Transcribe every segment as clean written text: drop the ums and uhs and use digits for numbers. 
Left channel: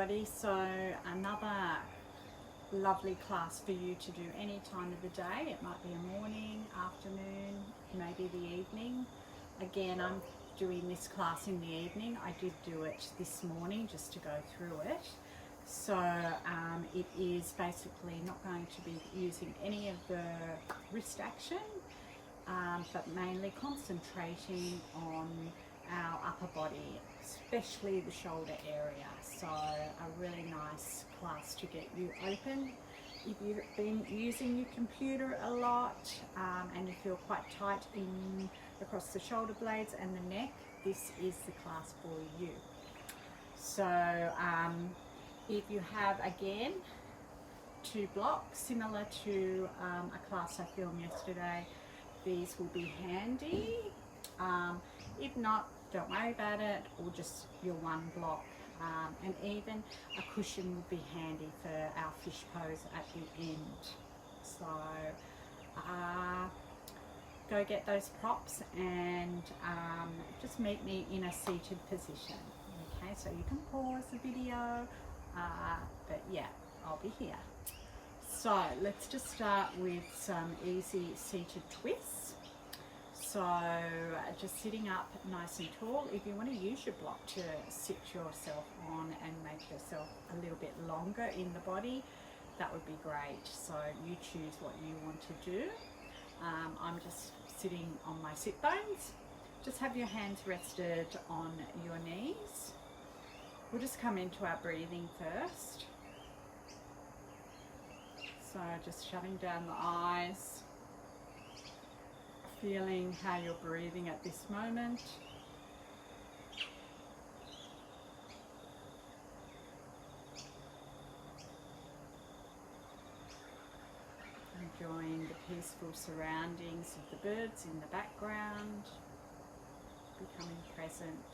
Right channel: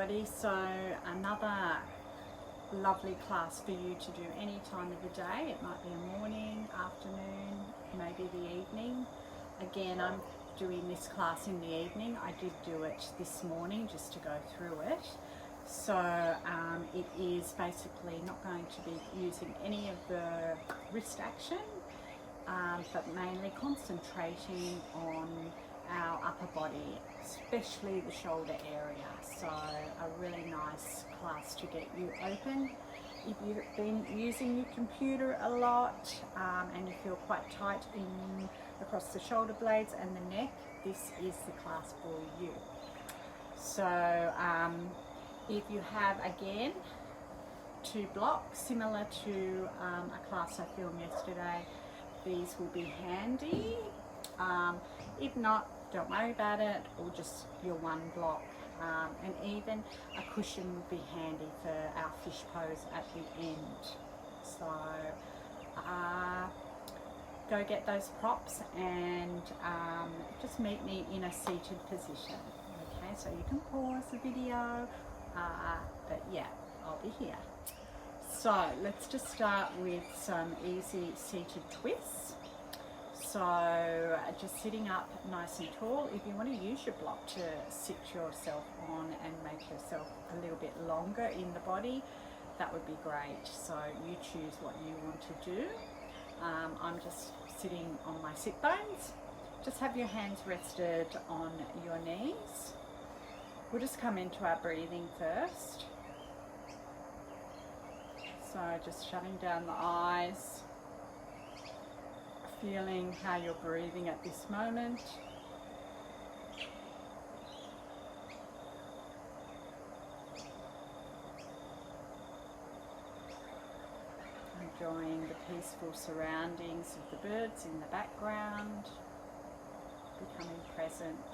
everybody. So another lovely class for you to do any time of the day. It might be a morning, afternoon, maybe the evening. Again, I'm doing this class in the evening. I did do it this morning just to go through it. So it is basically not going to be using any of the wrist action, but mainly concentrating on our upper body, especially the shoulder area. So a really nice class to get you open. If you've been using your computer a lot and you feel quite tight across the shoulder blades and the neck, this is the class for you. So if you have, again, 2 blocks similar to a class I filmed yesterday, these will be handy. If not, don't worry about it, or just your 1 block. And even a cushion would be handy for our fish pose at the end. So go get those props and just meet me in a seated position. Okay, so you can pause the video, but yeah, I'll be here. So let's just start with some easy seated twists. So just sitting up nice and tall. If you want to use your block to sit yourself on and make yourself a little bit longer in the body, that would be great. So you choose what you want to do. I'm just sitting on my sit bones. Just have your hands rested on your knees. We'll just come into our breathing first. So just shutting down the eyes. Feeling how you're breathing at this moment. Enjoying the peaceful surroundings of the birds in the background. Becoming present.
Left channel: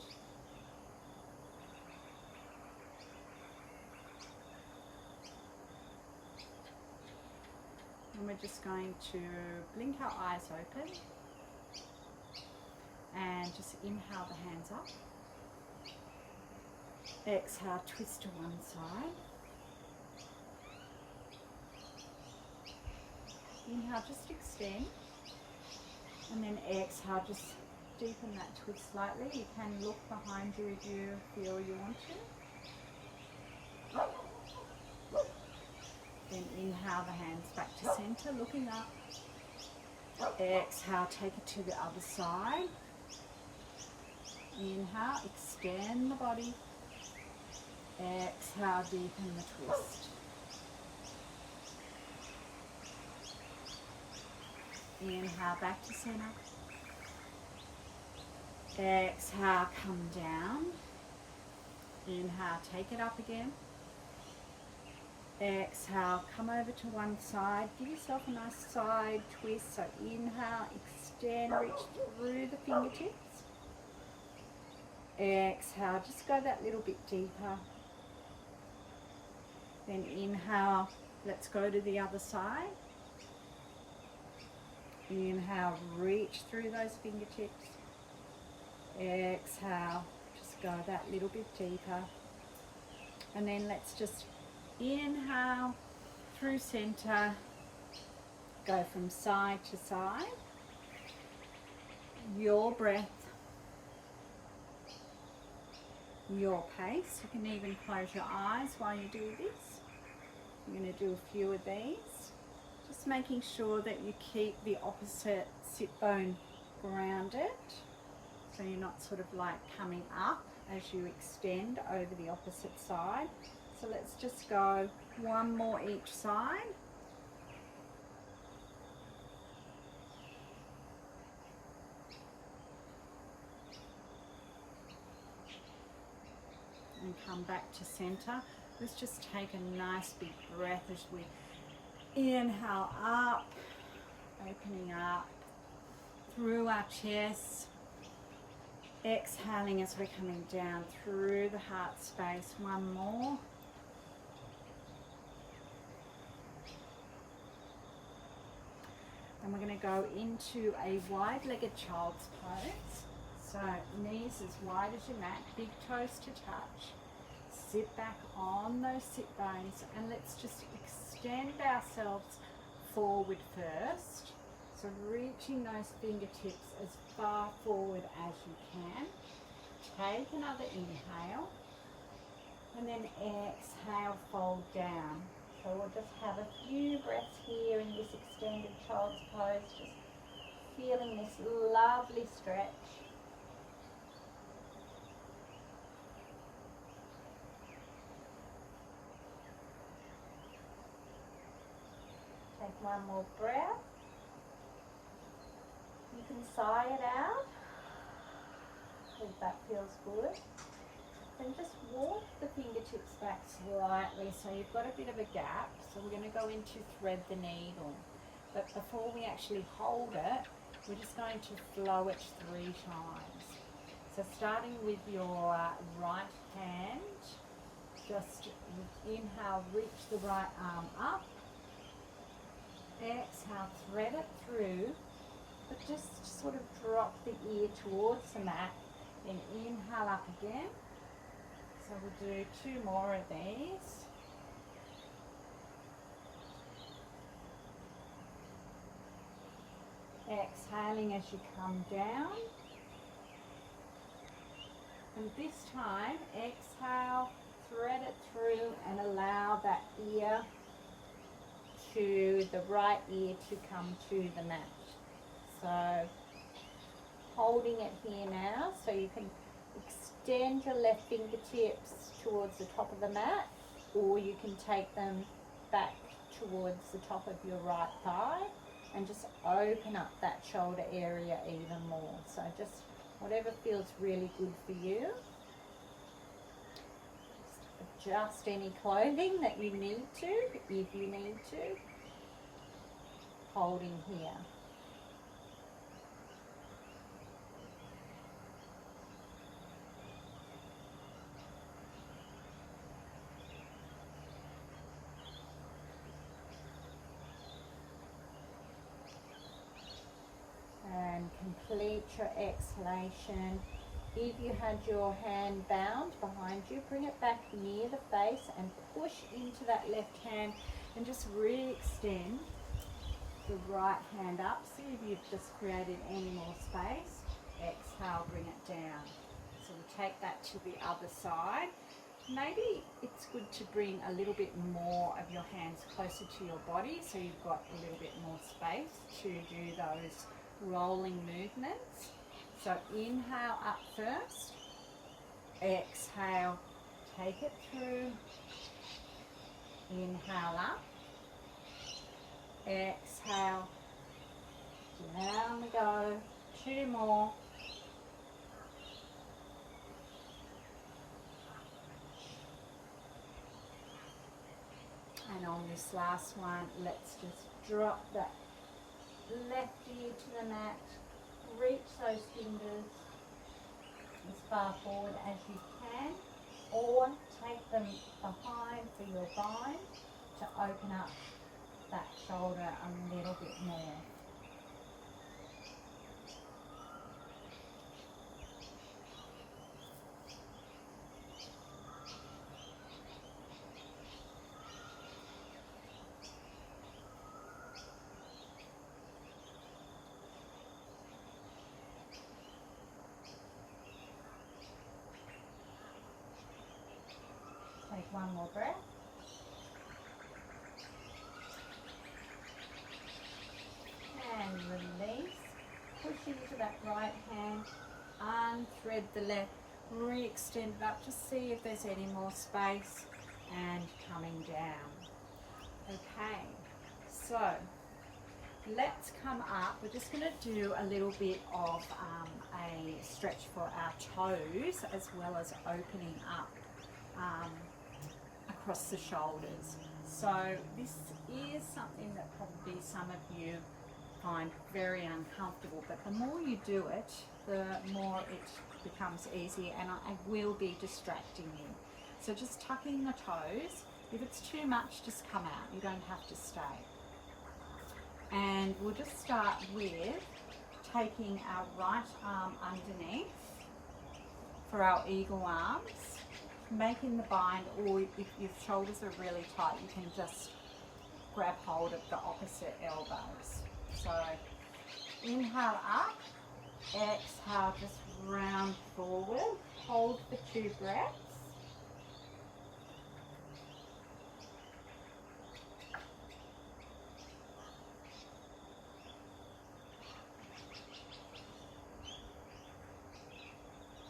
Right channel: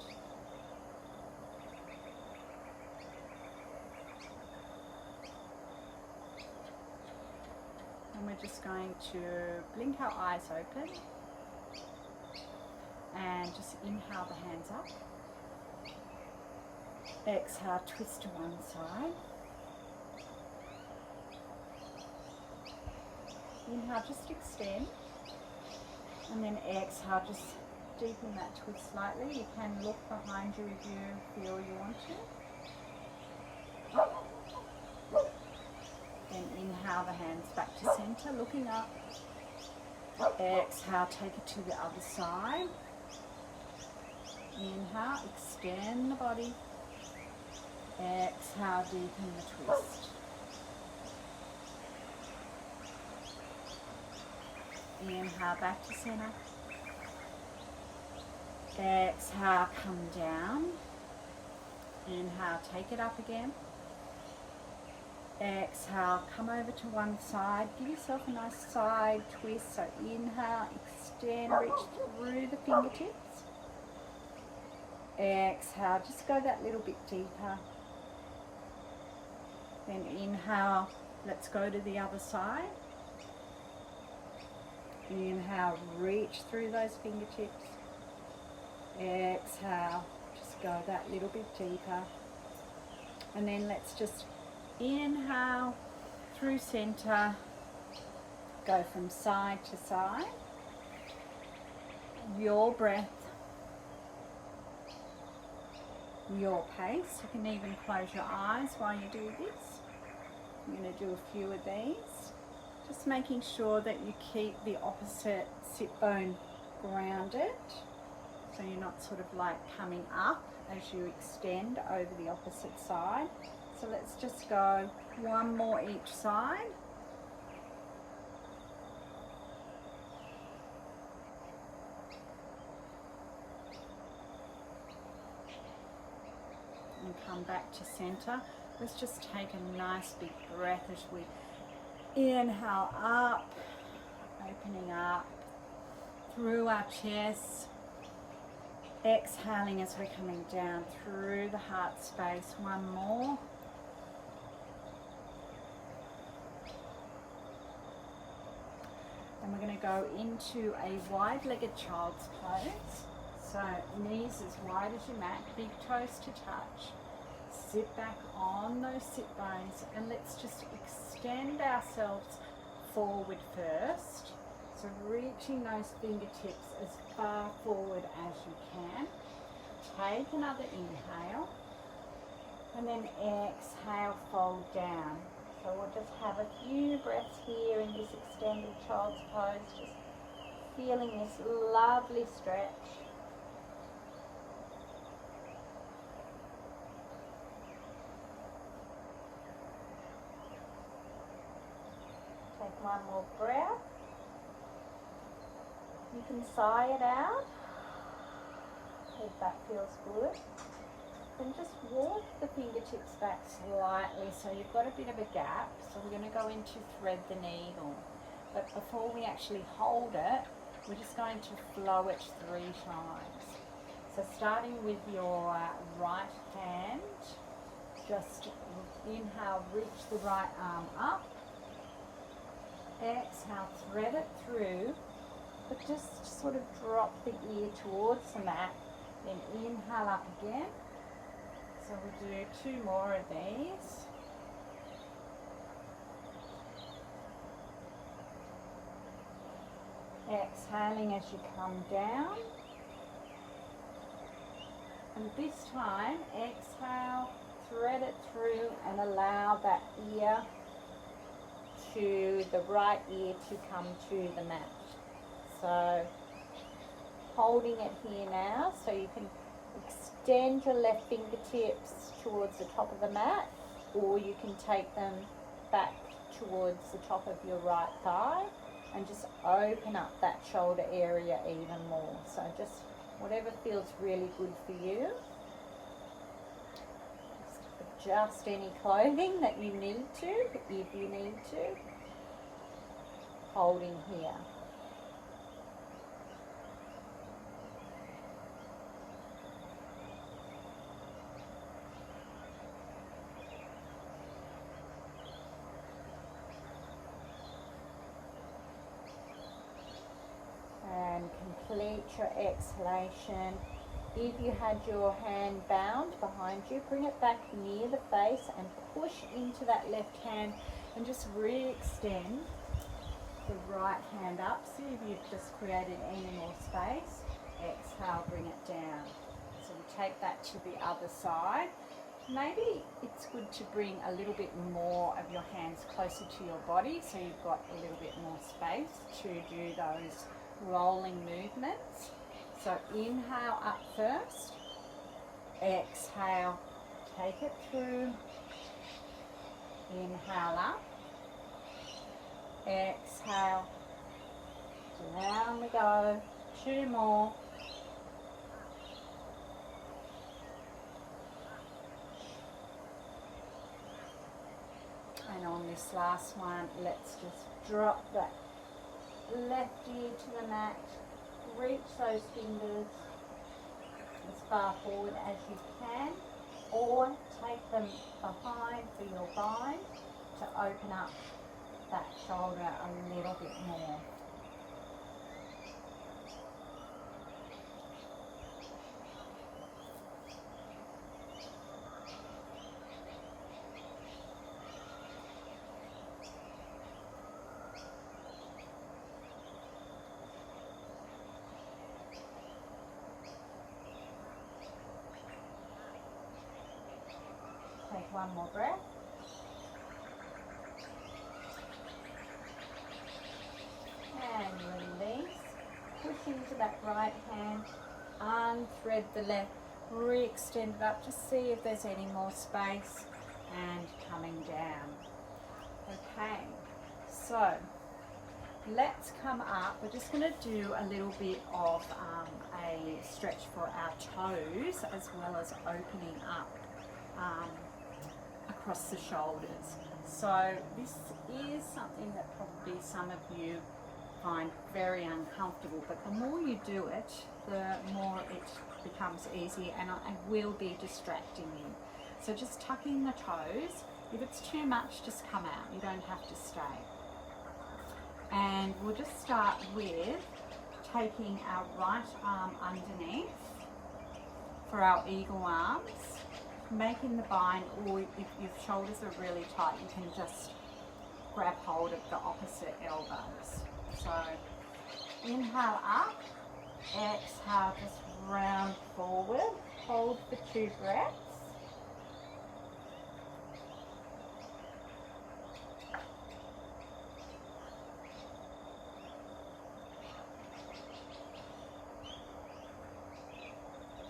And we're just going to blink our eyes open. And just inhale the hands up. Exhale, twist to one side. Inhale, just extend. And then exhale, just deepen that twist slightly. You can look behind you if you feel you want to. Then inhale the hands back to center, looking up. Exhale, take it to the other side. Inhale, extend the body. Exhale, deepen the twist. Inhale, back to center. Exhale, come down. Inhale, take it up again. Exhale, come over to one side. Give yourself a nice side twist. So inhale, extend, reach through the fingertips. Exhale, just go that little bit deeper. Then inhale, let's go to the other side. Inhale, reach through those fingertips. Exhale, just go that little bit deeper. And then let's just inhale through center, go from side to side. Your breath, your pace. You can even close your eyes while you do this. I'm going to do a few of these. Just making sure that you keep the opposite sit bone grounded, so you're not sort of like coming up as you extend over the opposite side. So let's just go one more each side. And come back to center. Let's just take a nice big breath as we inhale up, opening up through our chest. Exhaling as we're coming down through the heart space. One more. And we're going to go into a wide-legged child's pose. So knees as wide as your mat, big toes to touch. sit back on those sit bones and let's just extend ourselves forward first. So reaching those fingertips as far forward as you can. Take another inhale and then exhale, fold down. So we'll just have a few breaths here in this extended child's pose, just feeling this lovely stretch. Take one more breath. You can sigh it out if that feels good. Then just walk the fingertips back slightly so you've got a bit of a gap. So we're going to go into thread the needle. But before we actually hold it, we're just going to flow it 3 times. So starting with your right hand, just inhale, reach the right arm up. Exhale, thread it through, but just sort of drop the ear towards the mat. Then inhale up again. So we'll do 2 more of these. Exhaling as you come down. And this time, exhale, thread it through and allow that ear to the right ear to come to the mat. So holding it here now, so you can extend your left fingertips towards the top of the mat, or you can take them back towards the top of your right thigh and just open up that shoulder area even more. So just whatever feels really good for you. Adjust any clothing that you need to, if you need to. Holding here. And complete your exhalation. If you had your hand bound behind you, bring it back near the face and push into that left hand and just re-extend the right hand up. See if you've just created any more space. Exhale, bring it down. So we take that to the other side. Maybe it's good to bring a little bit more of your hands closer to your body so you've got a little bit more space to do those rolling movements. So inhale up first, exhale, take it through, inhale up, exhale, down we go, 2 more. And on this last one, let's just drop that left ear to the mat, reach those fingers as far forward as you can, or take them behind for your bind to open up that shoulder a little bit more. Take one more breath. And release. Push into that right hand. Unthread the left. Re-extend it up to see if there's any more space. And coming down. Okay. So let's come up. We're just going to do a little bit of a stretch for our toes as well as opening up across the shoulders. So this is something that probably some of you find very uncomfortable, but the more you do it, the more it becomes easy, and I will be distracting you. So just tucking the toes. If it's too much, just come out. You don't have to stay. And we'll just start with taking our right arm underneath for our eagle arms. making the bind, or if your shoulders are really tight, you can just grab hold of the opposite elbows. So inhale up, exhale, just round forward, hold for 2 breaths.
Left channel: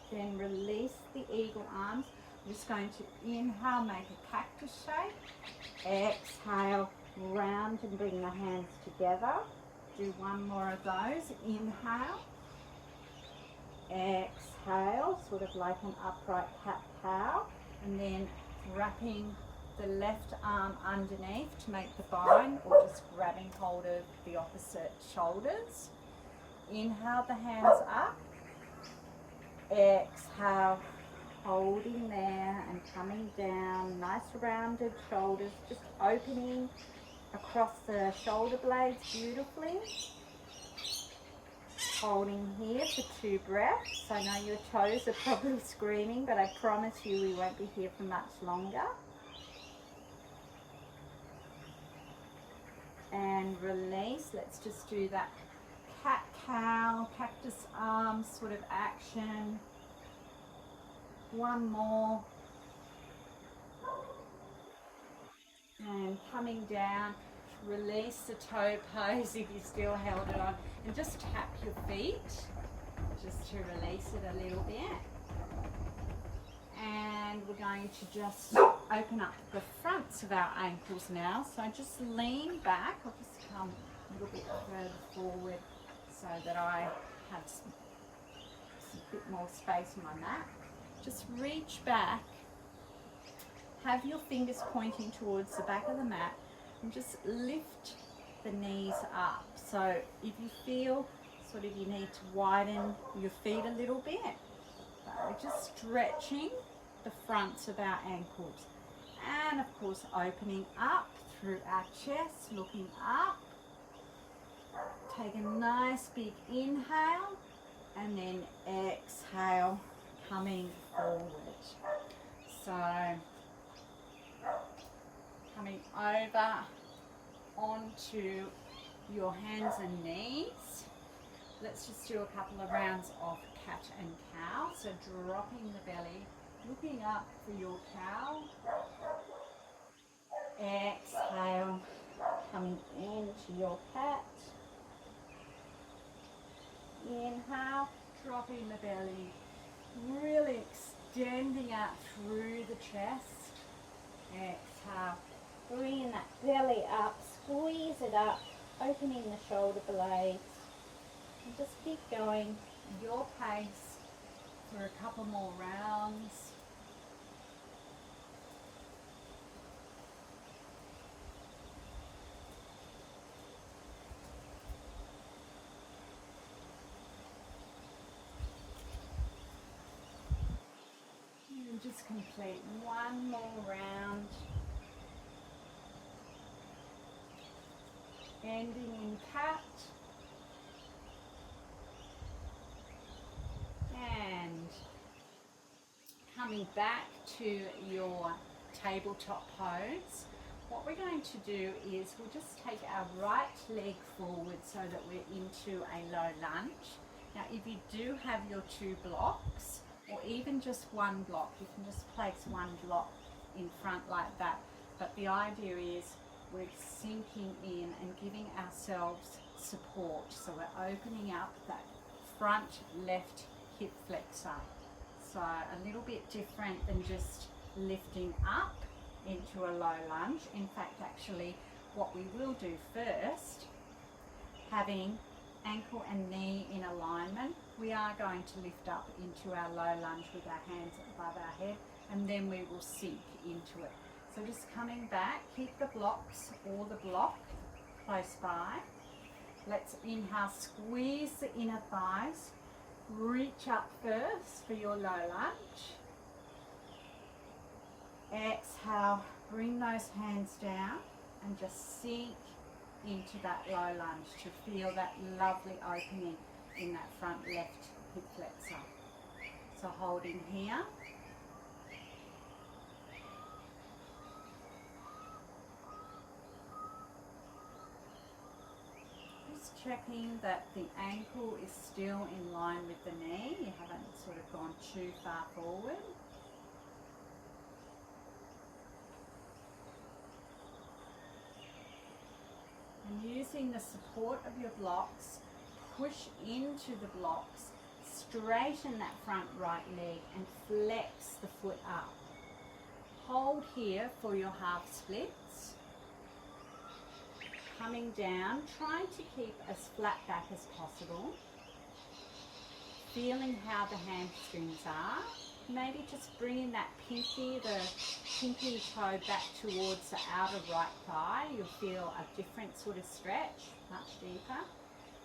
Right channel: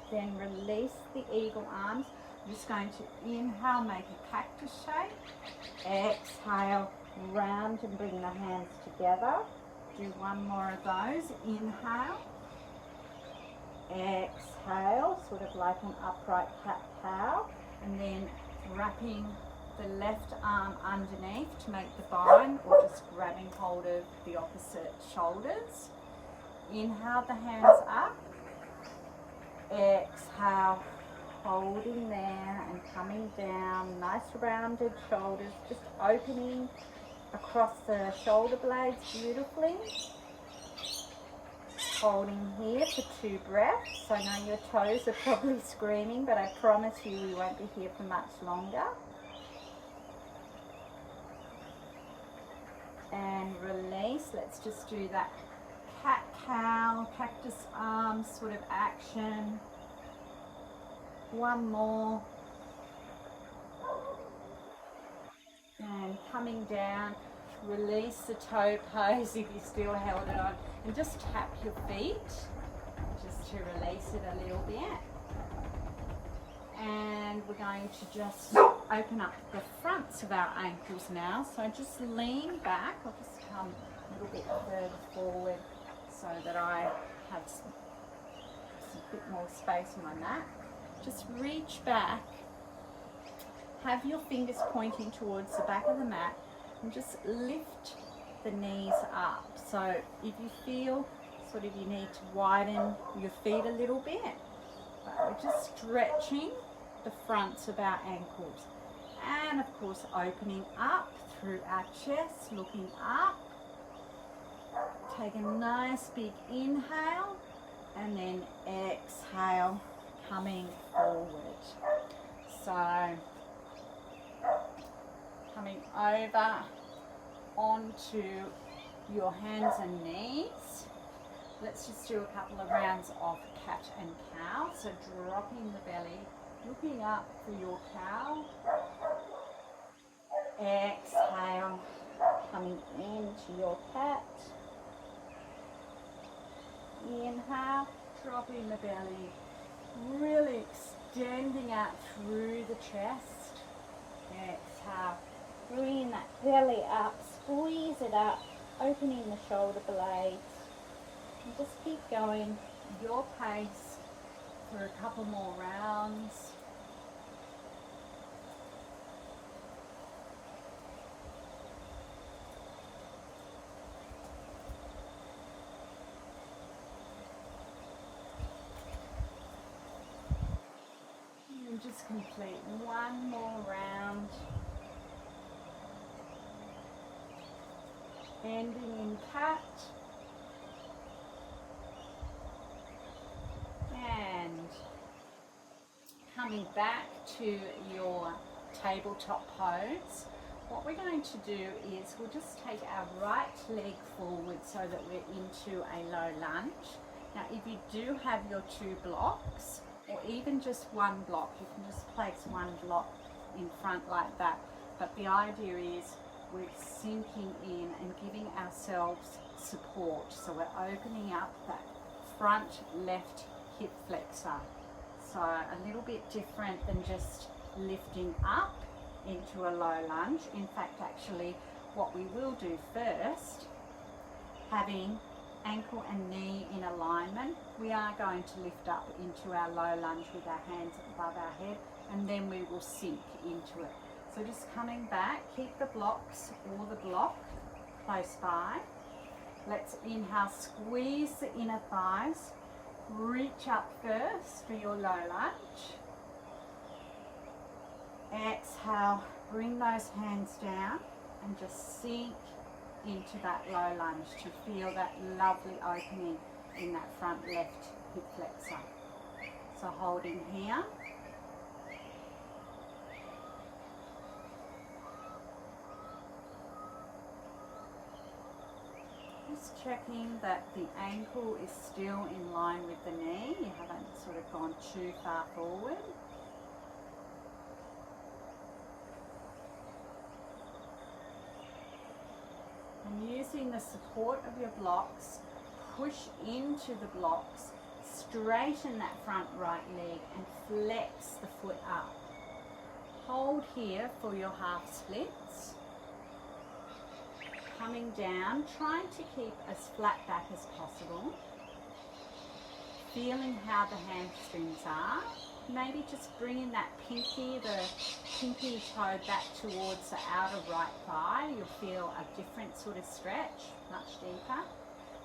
Then release the eagle arms. I'm just going to inhale, make a cactus shape. Exhale, round and bring the hands together. Do one more of those. Inhale. Exhale, sort of like an upright cat-cow. And then wrapping the left arm underneath to make the bind, or just grabbing hold of the opposite shoulders. Inhale the hands up. Exhale, holding there and coming down. Nice rounded shoulders, just opening across the shoulder blades beautifully. Holding here for 2 breaths. I know your toes are probably screaming, but I promise you we won't be here for much longer. And release. Let's just do that cat-cow, cactus arm sort of action. One more. And coming down, release the toe pose if you still held it on, and just tap your feet just to release it a little bit. And we're going to just open up the fronts of our ankles now. So just lean back. I'll just come a little bit further forward so that I have a bit more space on my mat. Just reach back, have your fingers pointing towards the back of the mat, and just lift the knees up. So if you feel sort of you need to widen your feet a little bit, but we're just stretching the fronts of our ankles. And of course opening up through our chest, looking up. Take a nice big inhale and then exhale, coming forward. So coming over onto your hands and knees. Let's just do a couple of rounds of cat and cow. So dropping the belly, looking up for your cow. Exhale, coming into your cat. Inhale, dropping the belly, really extending out through the chest. Exhale, bringing that belly up, squeeze it up, opening the shoulder blades. And just keep going your pace for a couple more rounds. And just complete one more round. Ending in cat. And coming back to your tabletop pose, what we're going to do is we'll just take our right leg forward so that we're into a low lunge. Now if you do have your 2 blocks, or even just 1 block, you can just place 1 block in front like that. But the idea is we're sinking in and giving ourselves support. So we're opening up that front left hip flexor. So a little bit different than just lifting up into a low lunge. In fact, actually, what we will do first, having ankle and knee in alignment, we are going to lift up into our low lunge with our hands above our head, and then we will sink into it. So just coming back, keep the blocks or the block close by. Let's inhale, squeeze the inner thighs, reach up first for your low lunge. Exhale, bring those hands down and just sink into that low lunge to feel that lovely opening in that front left hip flexor. So holding here. checking that the ankle is still in line with the knee. You haven't sort of gone too far forward. And using the support of your blocks, push into the blocks, straighten that front right leg and flex the foot up. Hold here for your half splits. Coming down, trying to keep as flat back as possible. Feeling how the hamstrings are. Maybe just bringing that pinky, the pinky toe back towards the outer right thigh. You'll feel a different sort of stretch, much deeper.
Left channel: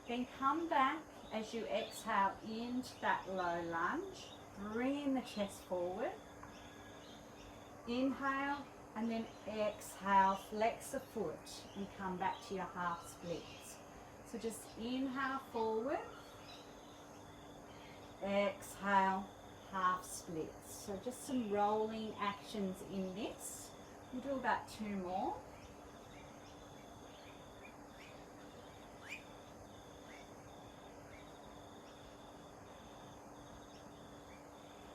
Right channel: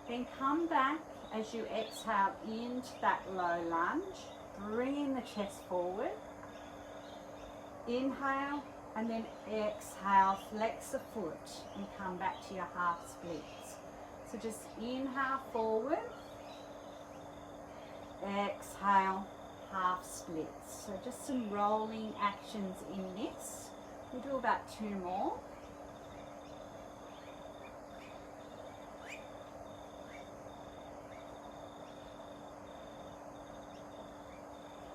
Then come back as you exhale into that low lunge, bringing the chest forward. Inhale and then exhale, flex the foot and come back to your half splits. So just inhale forward, exhale, half splits. So just some rolling actions in this. We'll do about 2 more.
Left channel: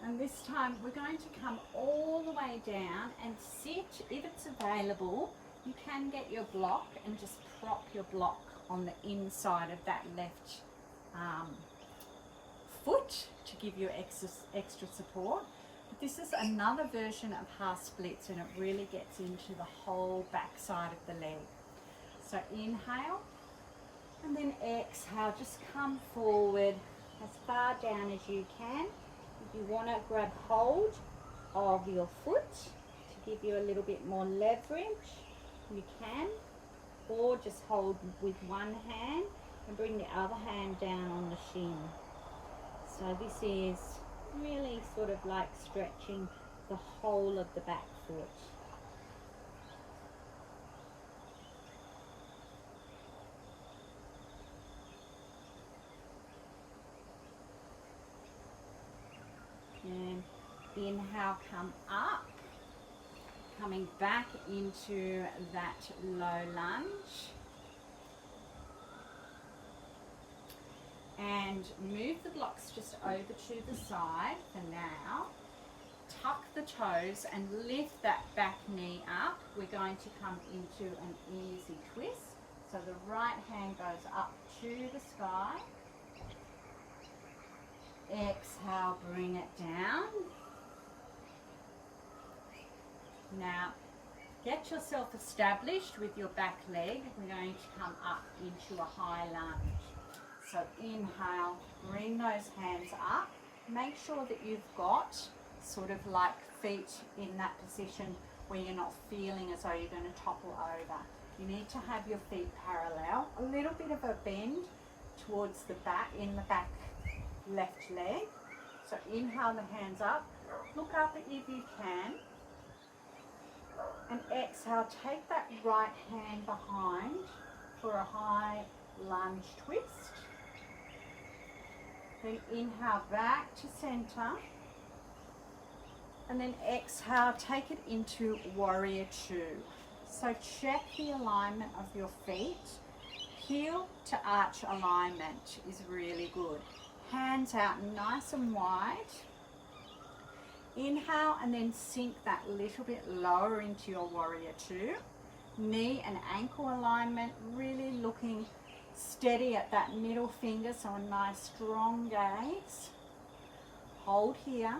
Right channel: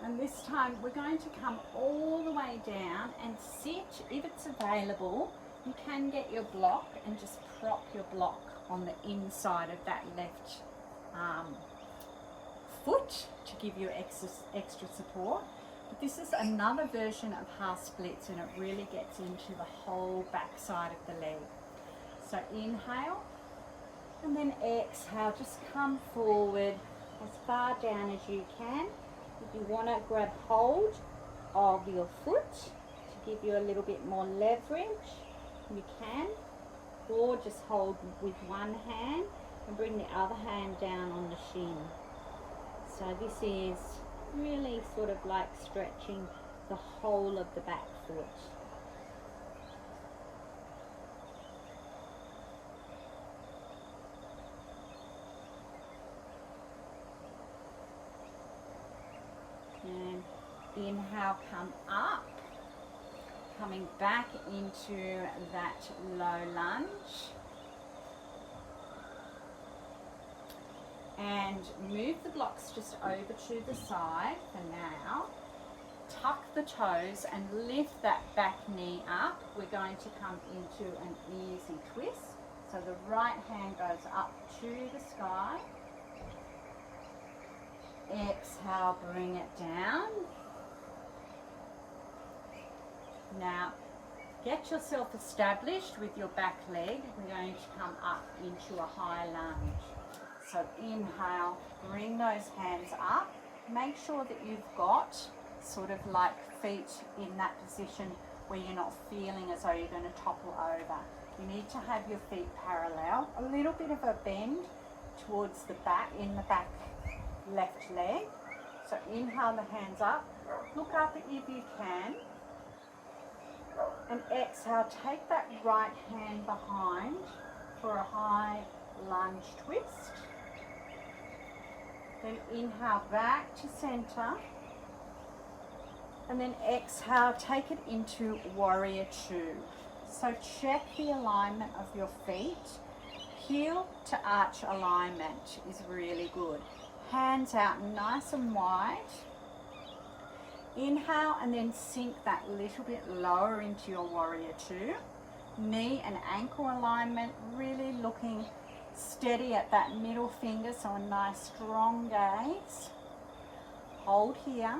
And this time we're going to come all the way down and sit. If it's available, you can get your block and just prop your block on the inside of that left foot to give you extra support. But this is another version of half splits and it really gets into the whole back side of the leg. So inhale and then exhale, just come forward as far down as you can. If you want to grab hold of your foot to give you a little bit more leverage, you can, or just hold with one hand and bring the other hand down on the shin. So this is really sort of like stretching the whole of the back foot. And inhale, come up, coming back into that low lunge. And move the blocks just over to the side for now. Tuck the toes and lift that back knee up. We're going to come into an easy twist. So the right hand goes up to the sky. Exhale, bring it down. Now, get yourself established with your back leg. We're going to come up into a high lunge. So inhale, bring those hands up. Make sure that you've got sort of like feet in that position where you're not feeling as though you're going to topple over. You need to have your feet parallel. A little bit of a bend towards the back, in the back left leg. So inhale the hands up. Look up if you can. And exhale, take that right hand behind for a high lunge twist. Then inhale back to center. And then exhale, take it into warrior two. So check the alignment of your feet. Heel to arch alignment is really good. Hands out nice and wide. Inhale and then sink that little bit lower into your warrior two. Knee and ankle alignment, really looking steady at that middle finger, so a nice strong gaze. Hold here.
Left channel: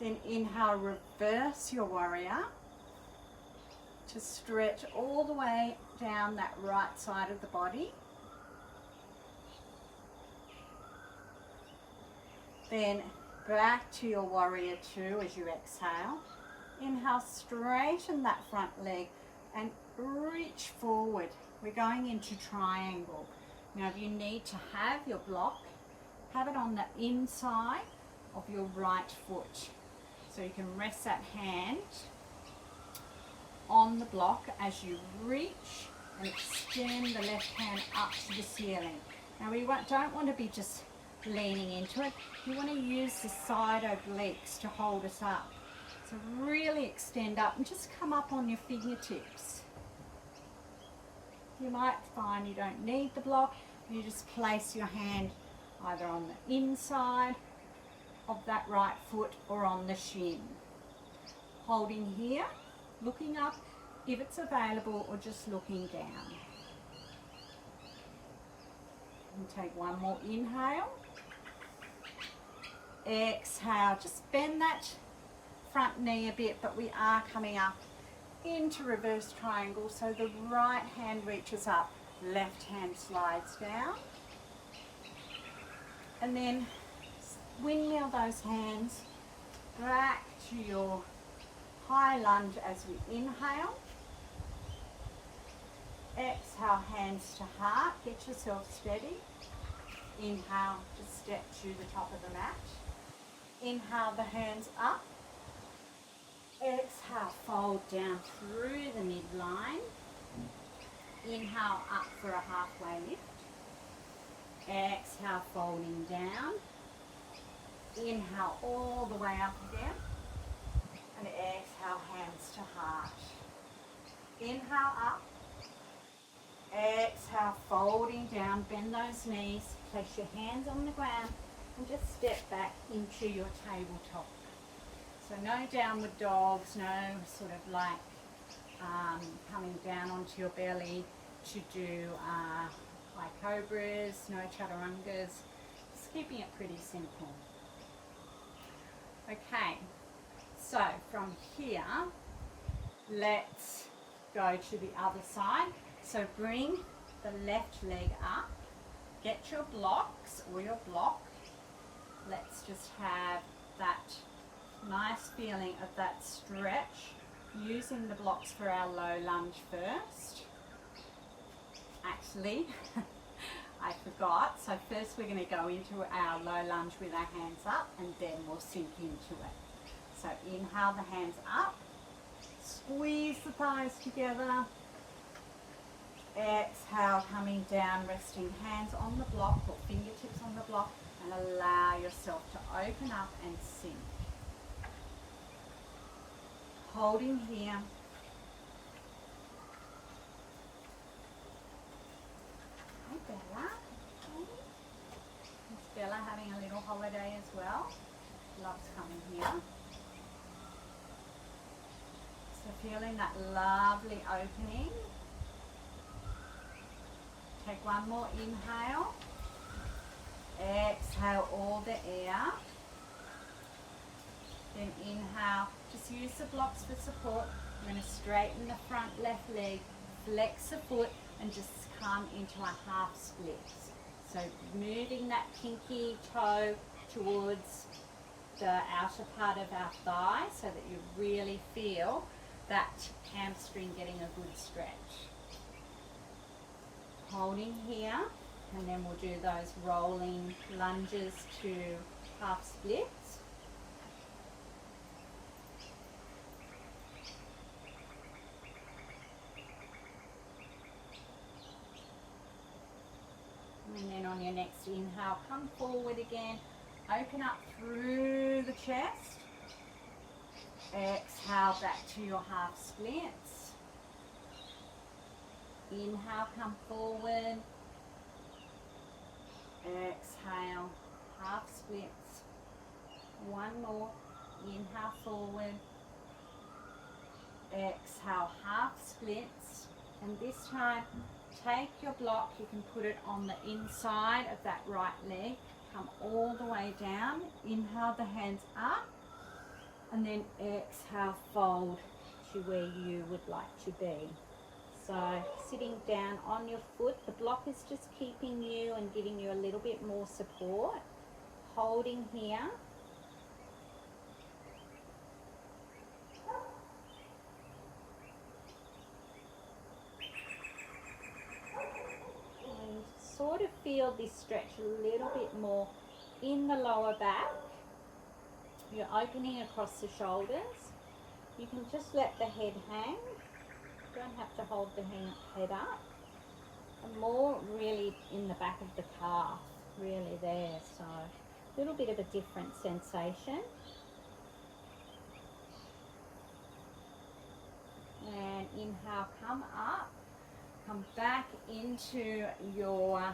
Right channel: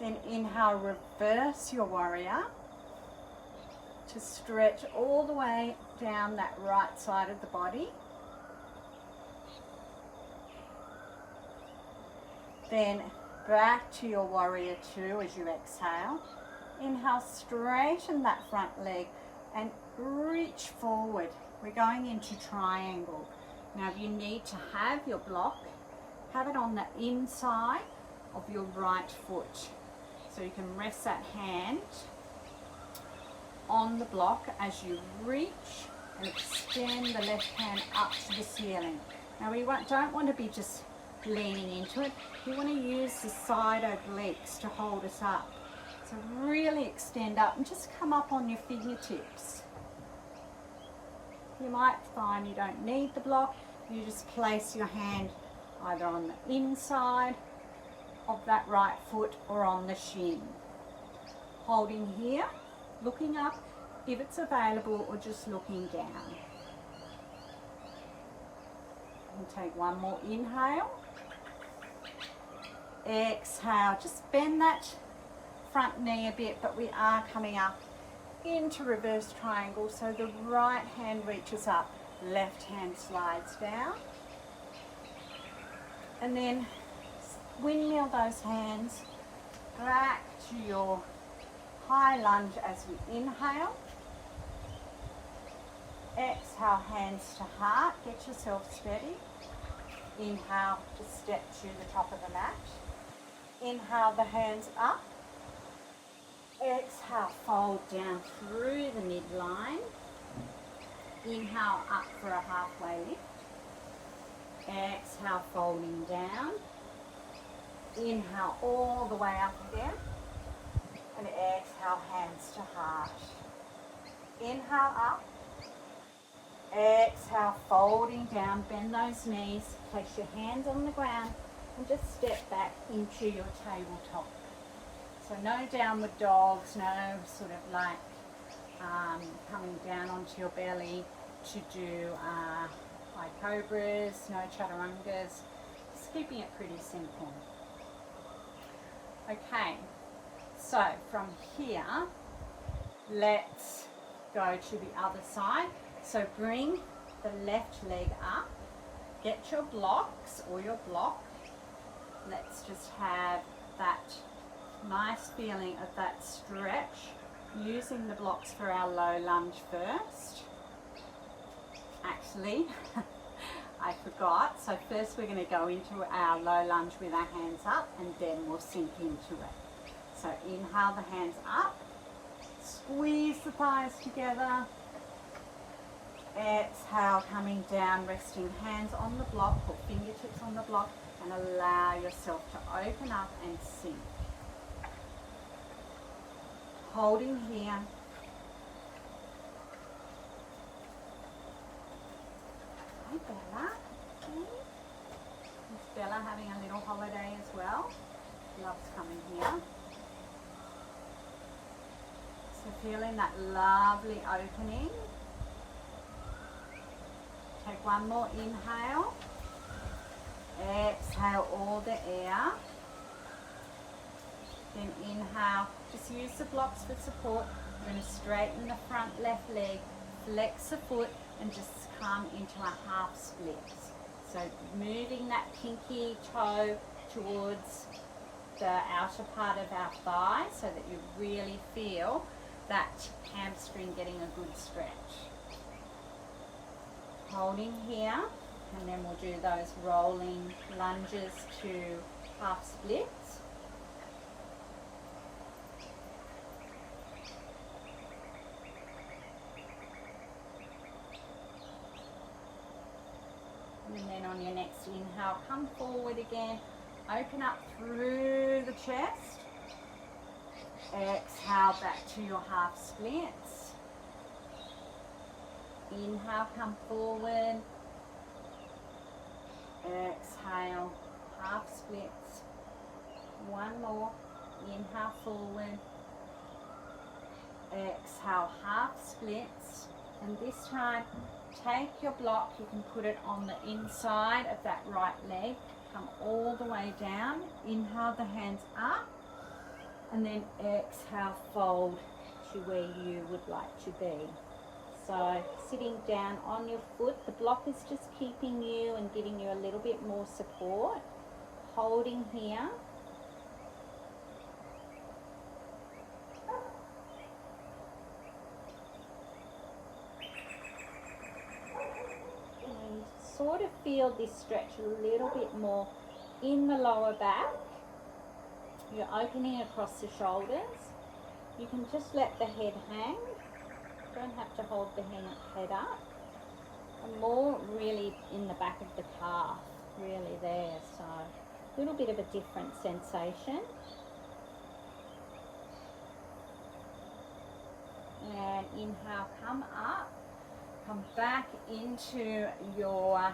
Then inhale, reverse your warrior to stretch all the way down that right side of the body. Then back to your warrior two as you exhale. Inhale, straighten that front leg and reach forward. We're going into triangle. Now if you need to have your block, have it on the inside of your right foot. So you can rest that hand on the block as you reach and extend the left hand up to the ceiling. Now we don't want to be just leaning into it. You want to use the side obliques to hold us up. So really extend up and just come up on your fingertips. You might find you don't need the block. You just place your hand either on the inside of that right foot or on the shin. Holding here, looking up if it's available, or just looking down. And take one more inhale. Exhale, just bend that front knee a bit, but we are coming up into reverse triangle, so the right hand reaches up, left hand slides down, and then windmill those hands back to your high lunge as we inhale. Exhale, hands to heart, get yourself steady. Inhale, just step to the top of the mat. Inhale, the hands up. Exhale, fold down through the midline. Inhale, up for a halfway lift. Exhale, folding down. Inhale, all the way up again. And exhale, hands to heart. Inhale, up. Exhale, folding down, bend those knees, place your hands on the ground and just step back into your tabletop. So no downward dogs, no sort of like coming down onto your belly to do high cobras, no chaturangas, just keeping it pretty simple. Okay, so from here, let's go to the other side. So bring the left leg up, get your blocks or your block. Let's just have that nice feeling of that stretch, using the blocks for our low lunge first. Actually, I forgot. So first we're going to go into our low lunge with our hands up, and then we'll sink into it. So inhale, the hands up, squeeze the thighs together. Exhale, coming down, resting hands on the block or fingertips on the block, and allow yourself to open up and sink. Holding here. Hi Bella. Is Bella having a little holiday as well? Loves coming here. So feeling that lovely opening. Take one more inhale. Exhale all the air. Then inhale. Just use the blocks for support. You're going to straighten the front left leg, flex the foot, and just come into a half split. So moving that pinky toe towards the outer part of our thigh so that you really feel that hamstring getting a good stretch. Holding here, and then we'll do those rolling lunges to half splits. And then on your next inhale, come forward again, open up through the chest. Exhale back to your half splits. Inhale, come forward. Exhale, half splits. One more. Inhale, forward. Exhale, half splits. And this time, take your block. You can put it on the inside of that right leg. Come all the way down. Inhale, the hands up. And then exhale, fold to where you would like to be. So sitting down on your foot, the block is just keeping you and giving you a little bit more support. Holding here. And sort of feel this stretch a little bit more in the lower back. You're opening across the shoulders. You can just let the head hang. Don't have to hold the head up. And more really in the back of the calf, really there. So a little bit of a different sensation. And inhale, come up. Come back into your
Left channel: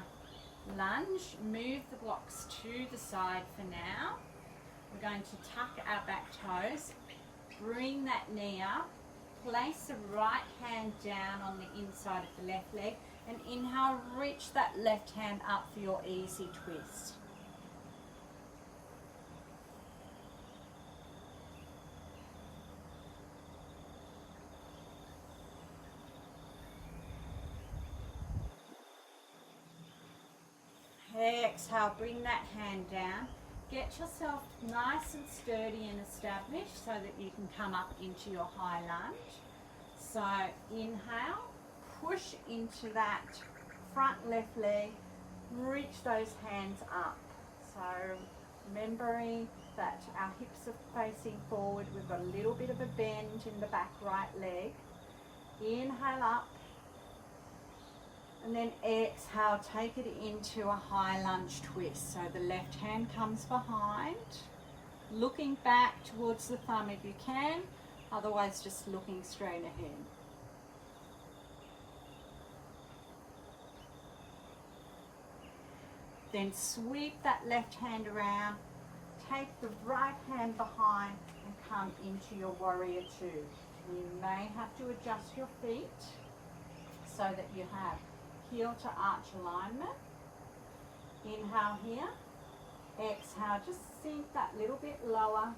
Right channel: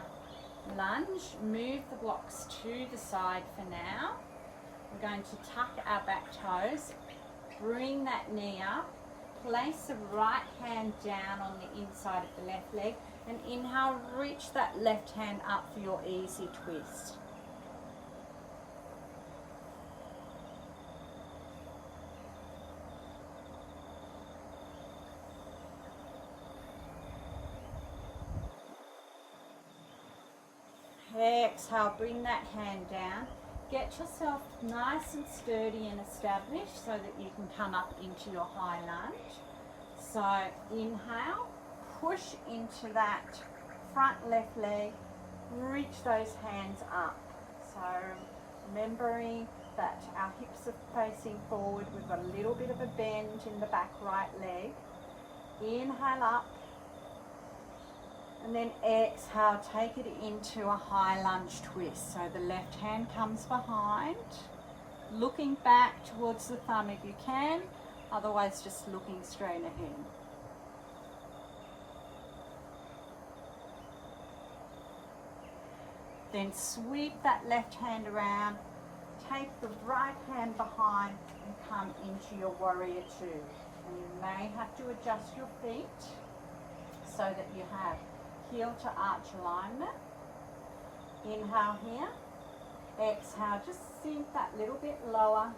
lunge. Move the blocks to the side for now. We're going to tuck our back toes. Bring that knee up. Place the right hand down on the inside of the left leg. And inhale, reach that left hand up for your easy twist. Exhale, bring that hand down. Get yourself nice and sturdy and established so that you can come up into your high lunge. So inhale, push into that front left leg, reach those hands up. So remembering that our hips are facing forward, we've got a little bit of a bend in the back right leg. Inhale up. And then exhale, take it into a high lunge twist. So the left hand comes behind, looking back towards the thumb if you can, otherwise just looking straight ahead. Then sweep that left hand around, take the right hand behind and come into your warrior two. And you may have to adjust your feet so that you have heel to arch alignment. Inhale here. Exhale, just sink that little bit lower.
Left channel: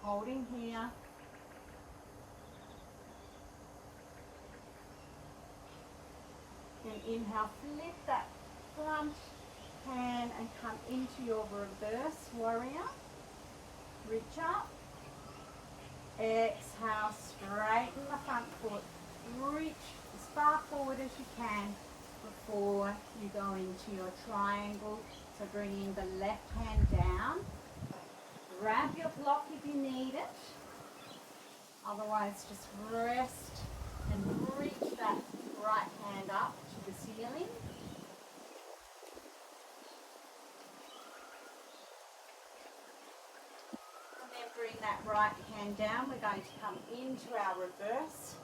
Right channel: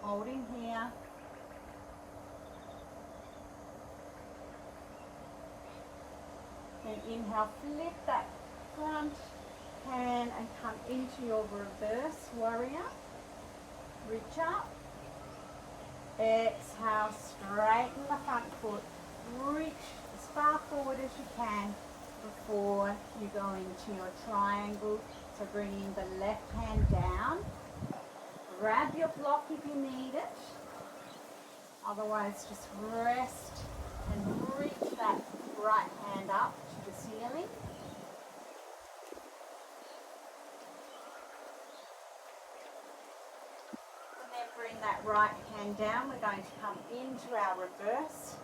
Holding here. Then inhale, flip that front hand and come into your reverse warrior. Reach up. Exhale, straighten the front foot. Reach as far forward as you can before you go into your triangle. So bringing the left hand down. Grab your block if you need it. Otherwise, just rest and reach that right hand up to the ceiling. And then bring that right hand down. We're going to come into our reverse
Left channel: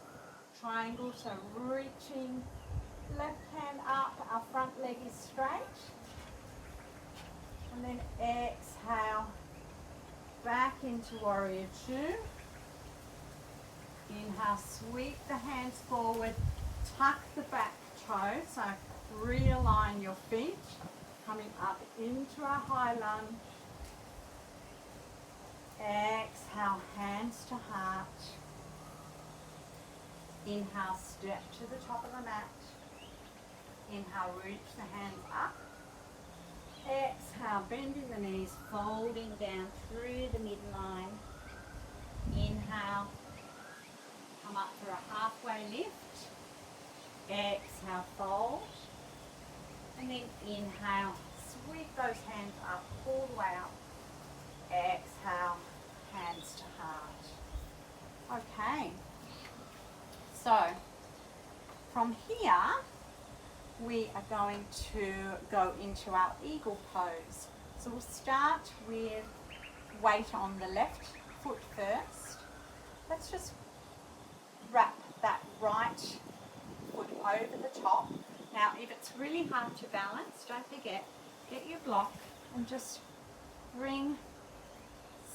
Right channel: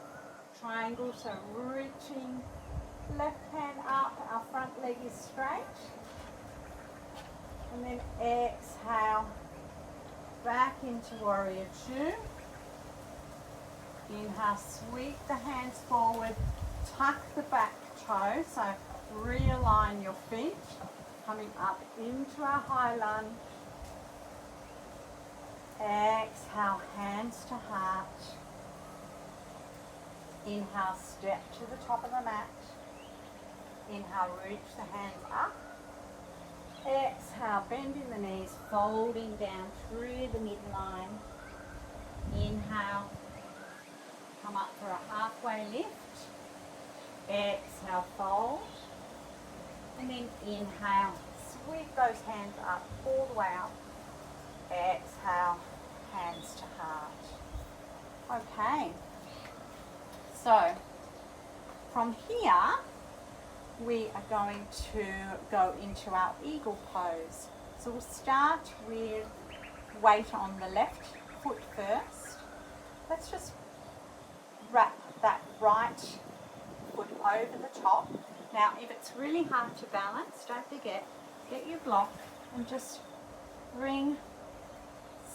triangle. So reaching left hand up, our front leg is straight. And then exhale, back into warrior two. Inhale, sweep the hands forward, tuck the back toe, so realign your feet, coming up into our high lunge. Exhale, hands to heart. Inhale, step to the top of the mat. Inhale, reach the hands up. Exhale, bending the knees, folding down through the midline. Inhale, come up for a halfway lift. Exhale, fold. And then inhale, sweep those hands up, all the way up. Exhale, hands to heart. Okay. So, from here, we are going to go into our eagle pose. So we'll start with weight on the left foot first. Let's just wrap that right foot over the top. Now, if it's really hard to balance, don't forget, get your block and just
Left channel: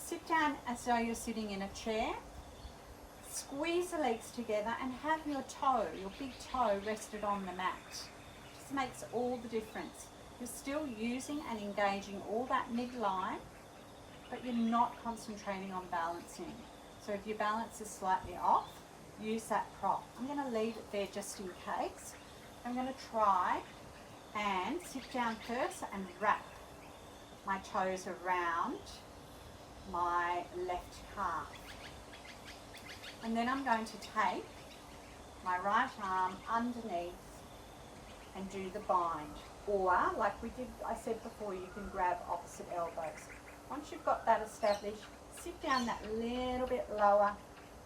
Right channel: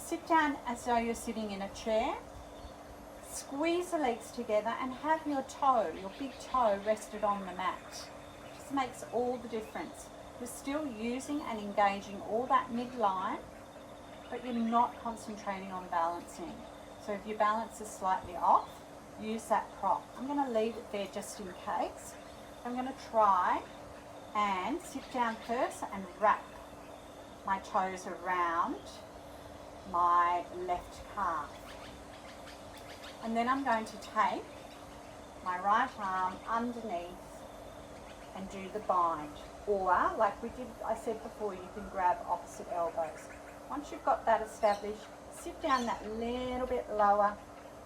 sit down as though you're sitting in a chair. Squeeze the legs together and have your toe, your big toe, rested on the mat. This makes all the difference. You're still using and engaging all that midline, but you're not concentrating on balancing. So if your balance is slightly off, use that prop. I'm going to leave it there just in case. I'm going to try and sit down first and wrap my toes around my left calf. And then I'm going to take my right arm underneath and do the bind. Or, like I said before, you can grab opposite elbows. Once you've got that established, sit down that little bit lower,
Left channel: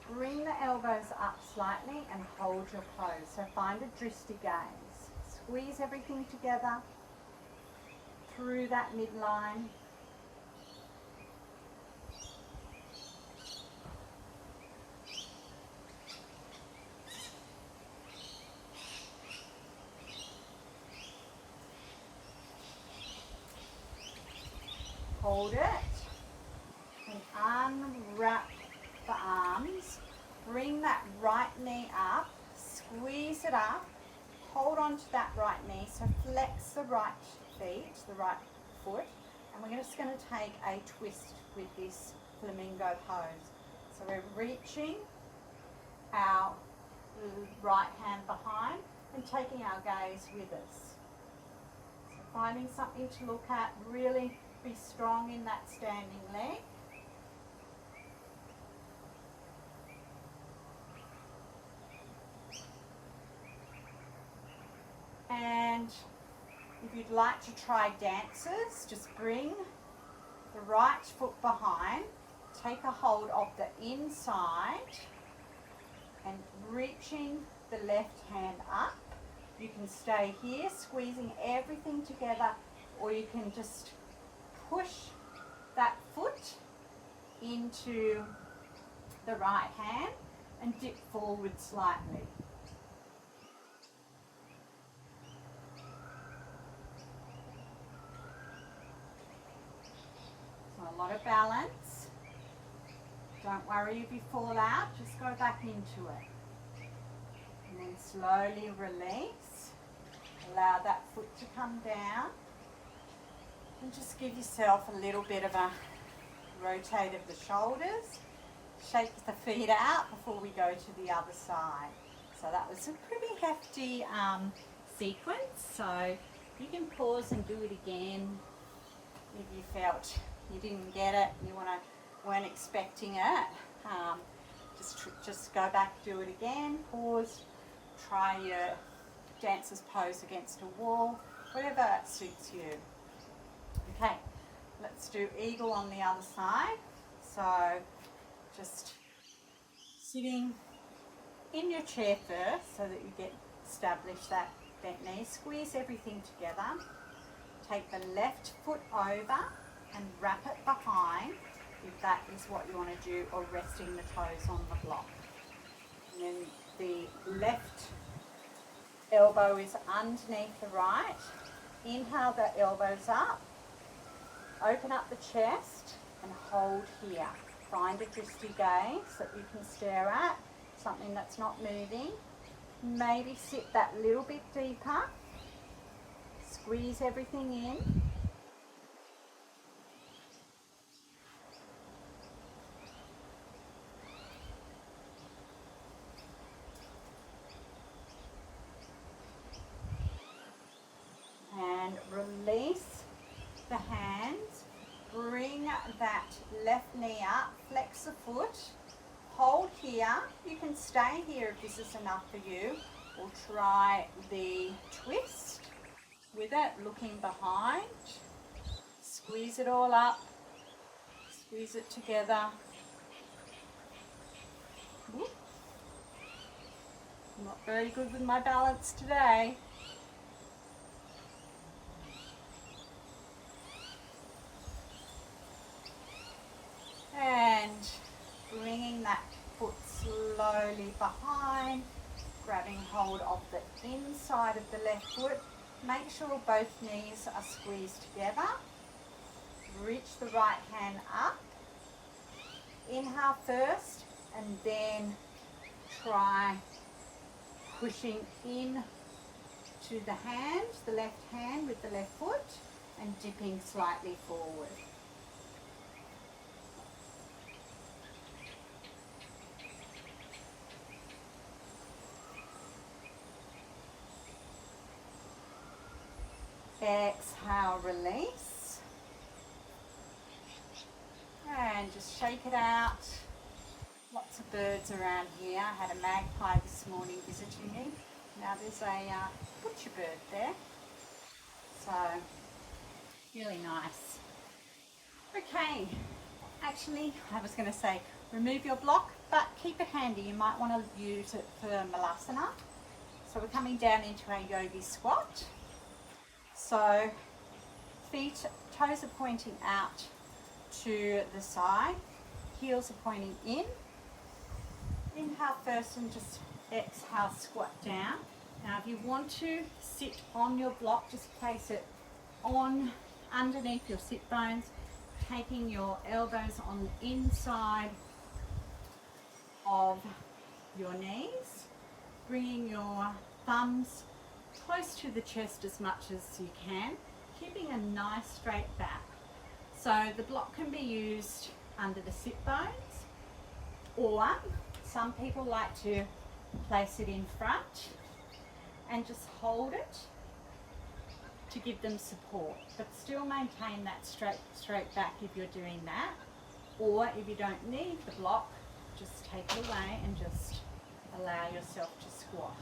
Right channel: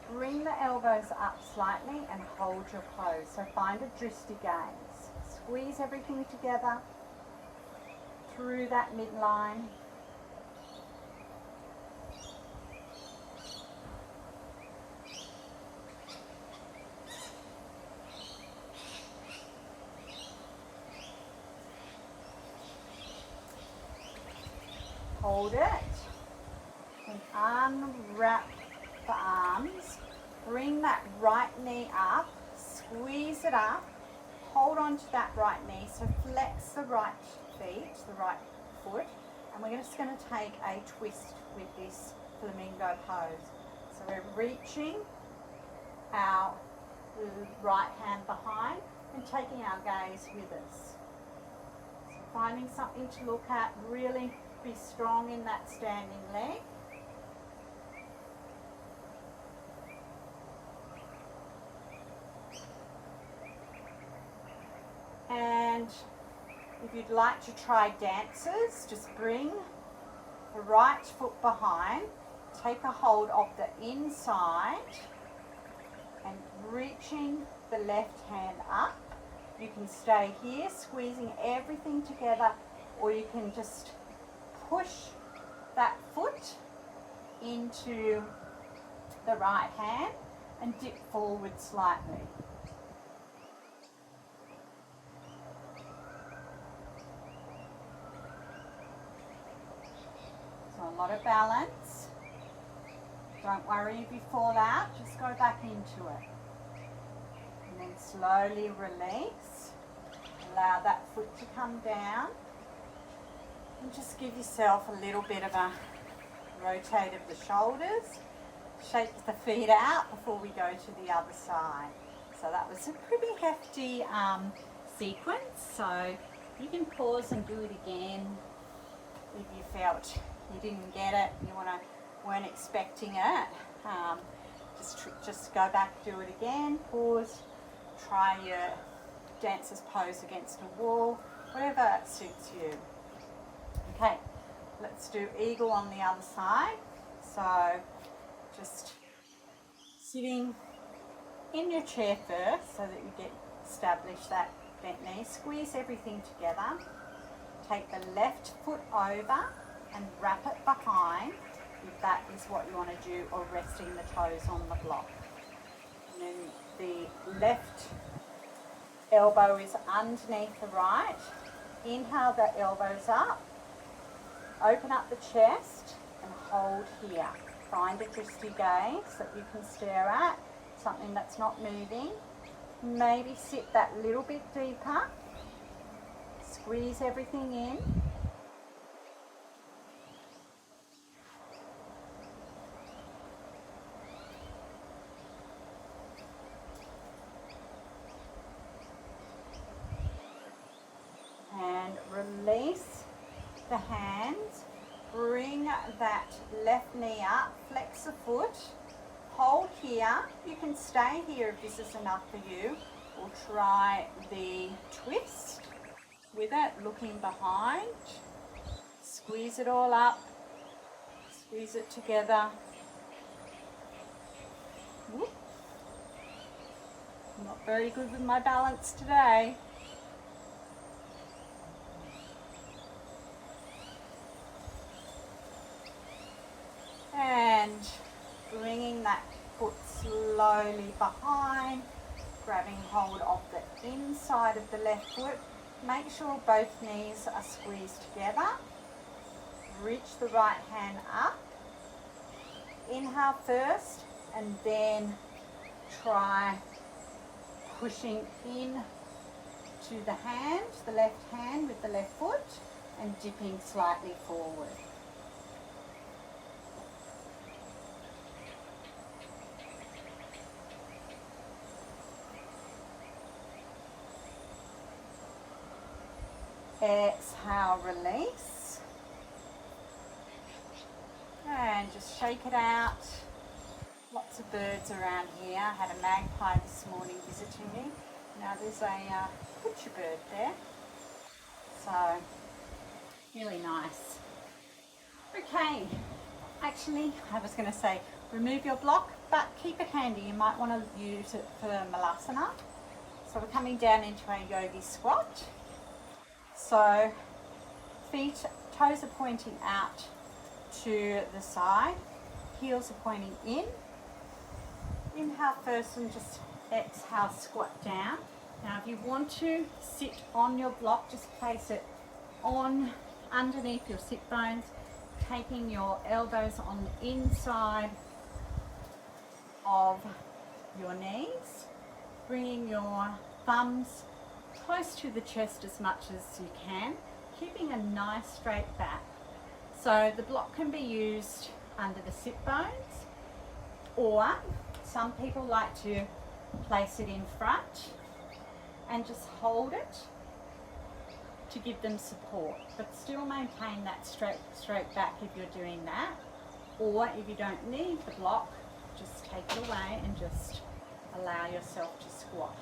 bring the elbows up slightly and hold your pose. So find a drishti gaze. Squeeze everything together through that midline. hold it and unwrap the arms. Bring that right knee up, squeeze it up, hold on to that right knee, so flex the right feet, the right foot, and we're just going to take a twist with this flamingo pose. So we're reaching our right hand behind and taking our gaze with us. So finding something to look at, really be strong in that standing leg. And if you'd like to try dancers, just bring the right foot behind, take a hold of the inside and reaching the left hand up. You can stay here squeezing everything together, or you can just push that foot into the right hand and dip forward slightly. A lot of balance. Don't worry if you fall out, just go back into it. And then slowly release. Allow that foot to come down. And just give yourself a little bit of a rotate of the shoulders. Shake the feet out before we go to the other side. So that was a pretty hefty sequence. So you can pause and do it again if you felt you didn't get it, you weren't expecting it. Just go back, do it again, pause, try your dancer's pose against a wall, whatever suits you. Okay, let's do eagle on the other side. So just sitting in your chair first so that you get established that bent knee. Squeeze everything together. Take the left foot over and wrap it behind if that is what you want to do, or resting the toes on the block. And then the left elbow is underneath the right. Inhale the elbows up, open up the chest and hold here. Find a dristy gaze that you can stare at, something that's not moving. Maybe sit that little bit deeper, squeeze everything in. And release the hands, bring that left knee up, flex the foot, hold here. You can stay here if this is enough for you, or try the twist with it, looking behind. Squeeze it all up, squeeze it together. Whoop. I'm not very good with my balance today. And bringing that foot slowly behind, grabbing hold of the inside of the left foot. Make sure both knees are squeezed together. Reach the right hand up. Inhale first, and then try pushing in to the hand, the left hand with the left foot, and dipping slightly forward. Exhale, release. And just shake it out. Lots of birds around here. I had a magpie this morning visiting me. Now there's a butcher bird there. So, really nice. Okay, actually, I was going to say remove your block, but keep it handy. You might want to use it for Malasana. So we're coming down into a yogi squat. So feet, toes are pointing out to the side, heels are pointing in. Inhale first and just exhale, squat down. Now if you want to sit on your block, just place it on underneath your sit bones. taking your elbows on the inside of your knees, bringing your thumbs close to the chest as much as you can, keeping a nice straight back. So the block can be used under the sit bones, or some people like to place it in front and just hold it to give them support, but still maintain that straight back if you're doing that. Or if you don't need the block, just take it away and just allow yourself to squat.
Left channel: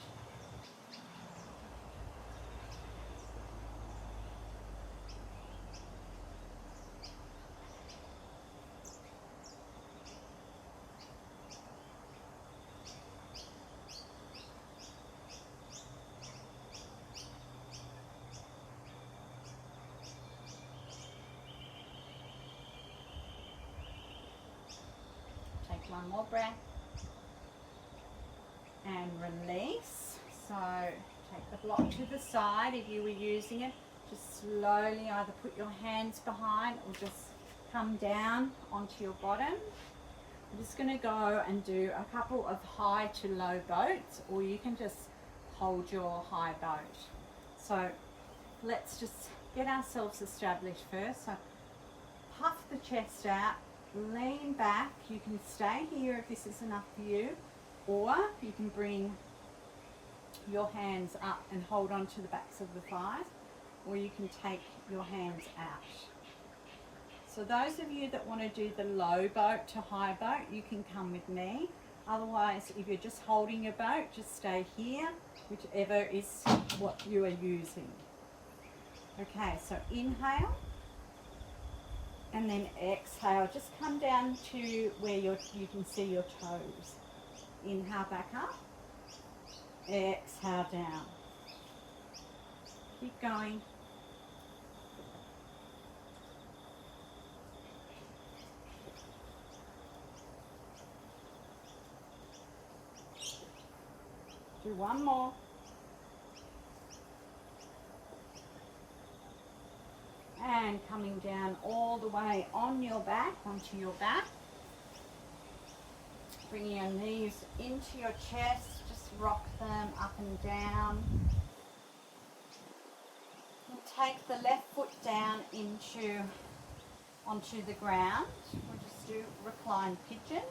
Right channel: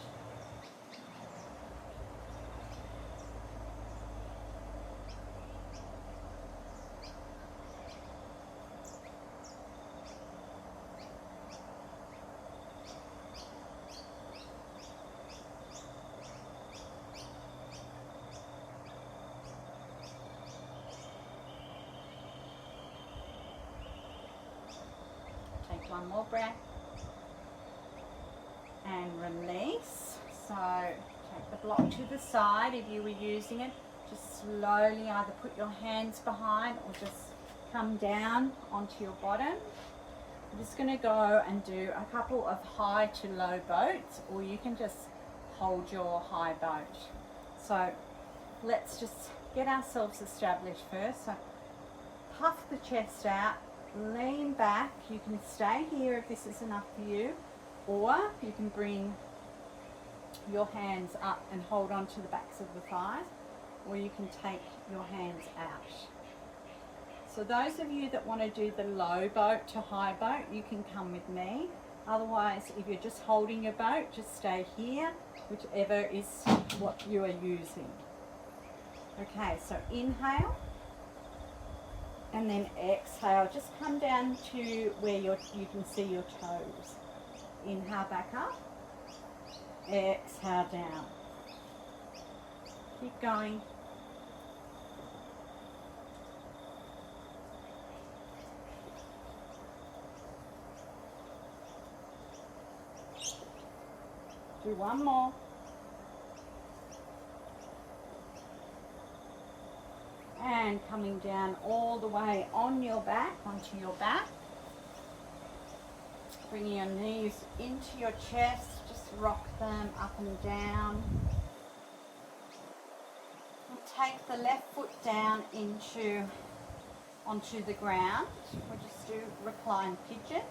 Take one more breath and release. So take the block to the side. If you were using it, just slowly either put your hands behind or just come down onto your bottom. I'm just going to go and do a couple of high to low boats, or you can just hold your high boat. So let's just get ourselves established first. So puff the chest out, lean back. You can stay here if this is enough for you, or you can bring your hands up and hold on to the backs of the thighs, or you can take your hands out. So those of you that want to do the low boat to high boat, you can come with me. Otherwise, if you're just holding your boat, just stay here, whichever is what you are using. Okay, so inhale. And then exhale, just come down to where you can see your toes. Inhale back up, exhale down. Keep going. Do one more. And coming down all the way on your back, onto your back. Bringing your knees into your chest, just rock them up and down. And take the left foot down onto the ground. We'll just do recline pigeon.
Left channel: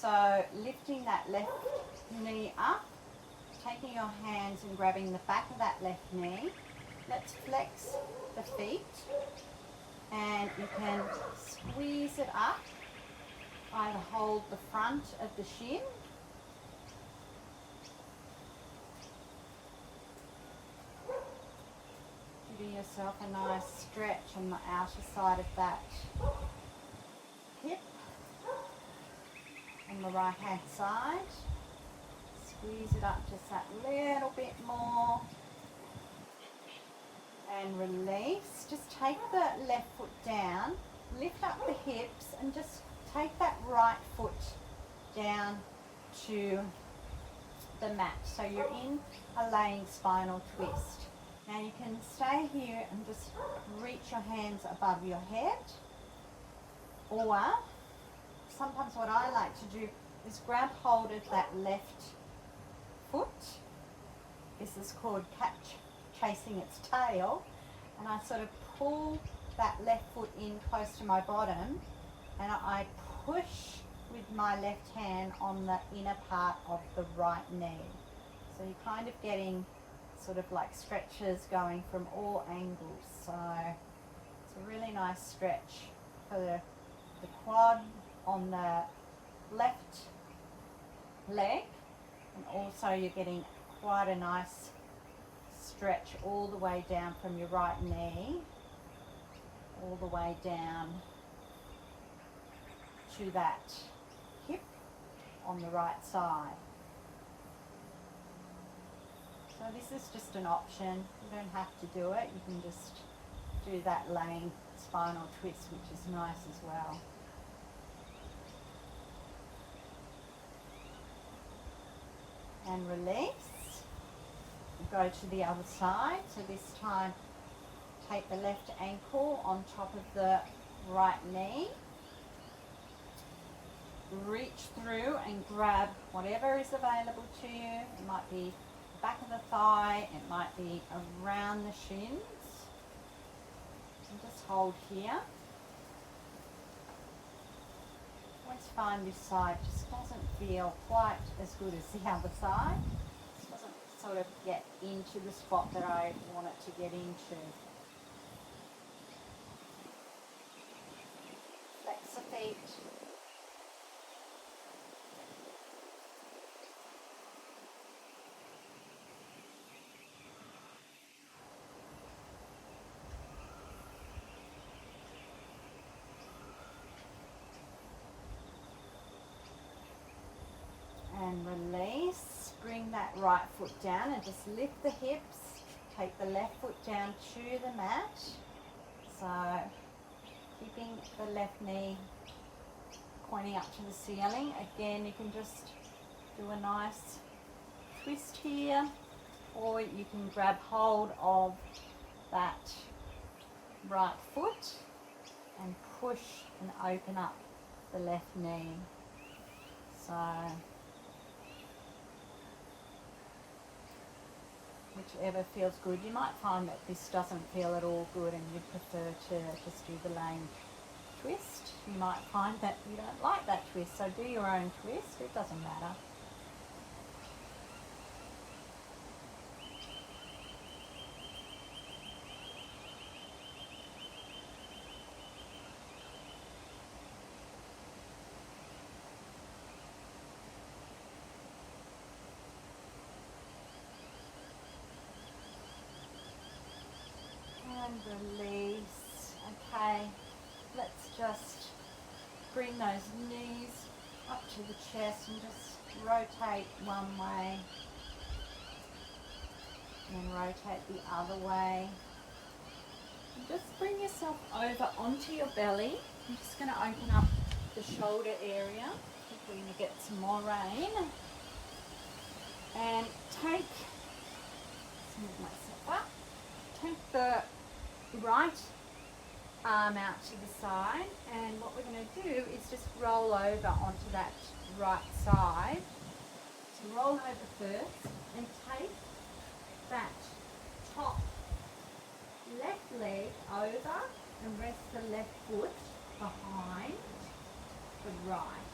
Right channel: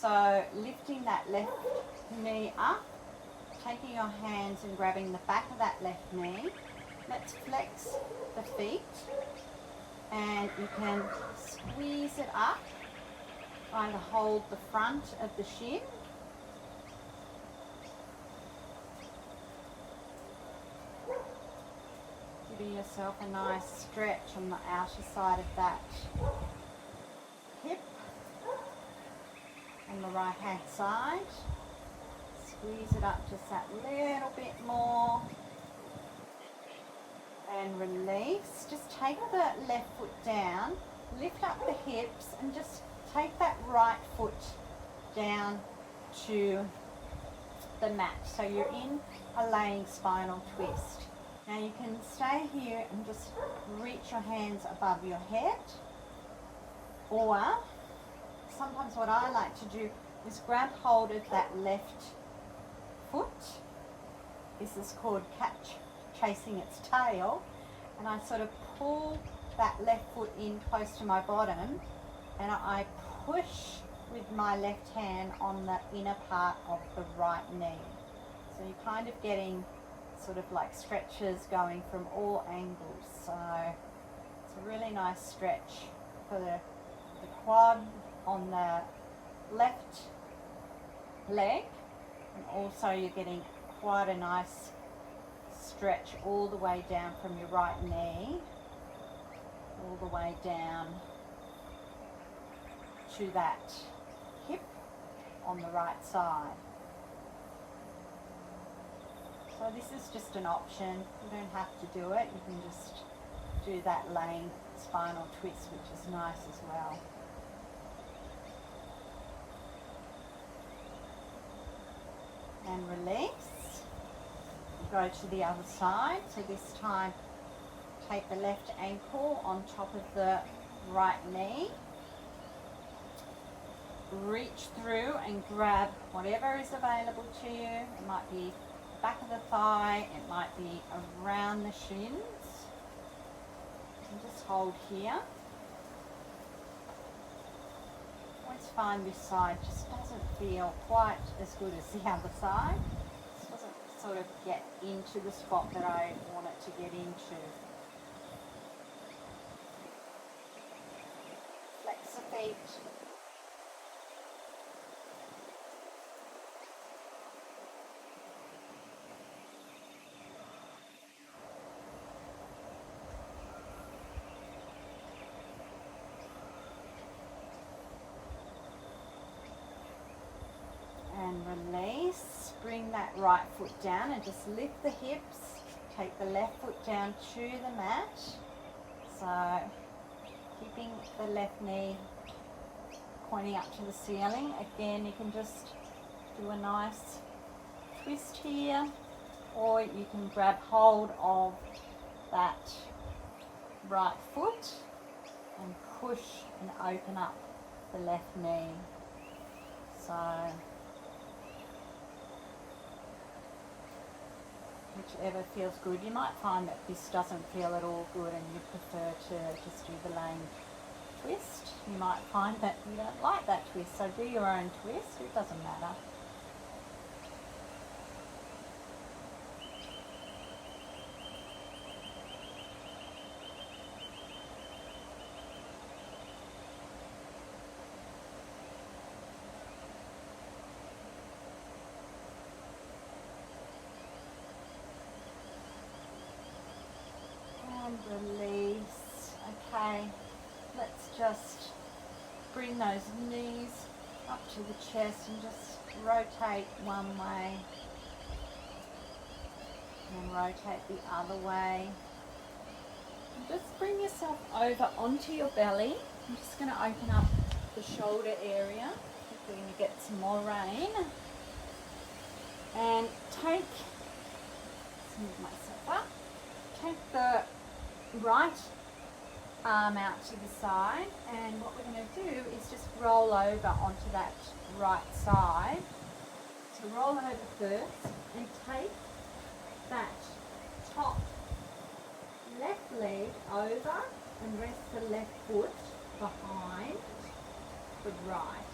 So lifting that left knee up, taking your hands and grabbing the back of that left knee. Let's flex the feet, and you can squeeze it up. Either hold the front of the shin, giving yourself a nice stretch on the outer side of that hip. On the right hand side, squeeze it up just that little bit more. And release. Just take the left foot down, lift up the hips, and just take that right foot down to the mat. So you're in a laying spinal twist. Now you can stay here and just reach your hands above your head, or sometimes what I like to do is grab hold of that left foot. This is called chasing its tail, and I sort of pull that left foot in close to my bottom, and I push with my left hand on the inner part of the right knee. So you're kind of getting sort of like stretches going from all angles. So it's a really nice stretch for the quad on the left leg, and also you're getting quite a nice stretch all the way down from your right knee all the way down to that hip on the right side. So this is just an option. You don't have to do it. You can just do that laying spinal twist, which is nice as well. And release. Go to the other side. So this time take the left ankle on top of the right knee. Reach through and grab whatever is available to you. It might be the back of the thigh, it might be around the shins. And just hold here. Always find this side just doesn't feel quite as good as the other side. This doesn't sort of get into the spot that I want it to get into. Flex the feet. And release. Bring that right foot down and just lift the hips. Take the left foot down to the mat. So keeping the left knee pointing up to the ceiling. Again, you can just do a nice twist here, or you can grab hold of that right foot and push and open up the left knee. So whichever feels good. You might find that this doesn't feel at all good and you prefer to just do the laying twist. You might find that you don't like that twist, so do your own twist, it doesn't matter. And release. Okay, let's just bring those knees up to the chest and just rotate one way and then rotate the other way. And just bring yourself over onto your belly. I'm just going to open up the shoulder area. I think we're going to get some more rain. And take, let's move myself up, take the right arm out to the side, and what we're going to do is just roll over onto that right side. So roll over first and take that top left leg over and rest the left foot behind the right.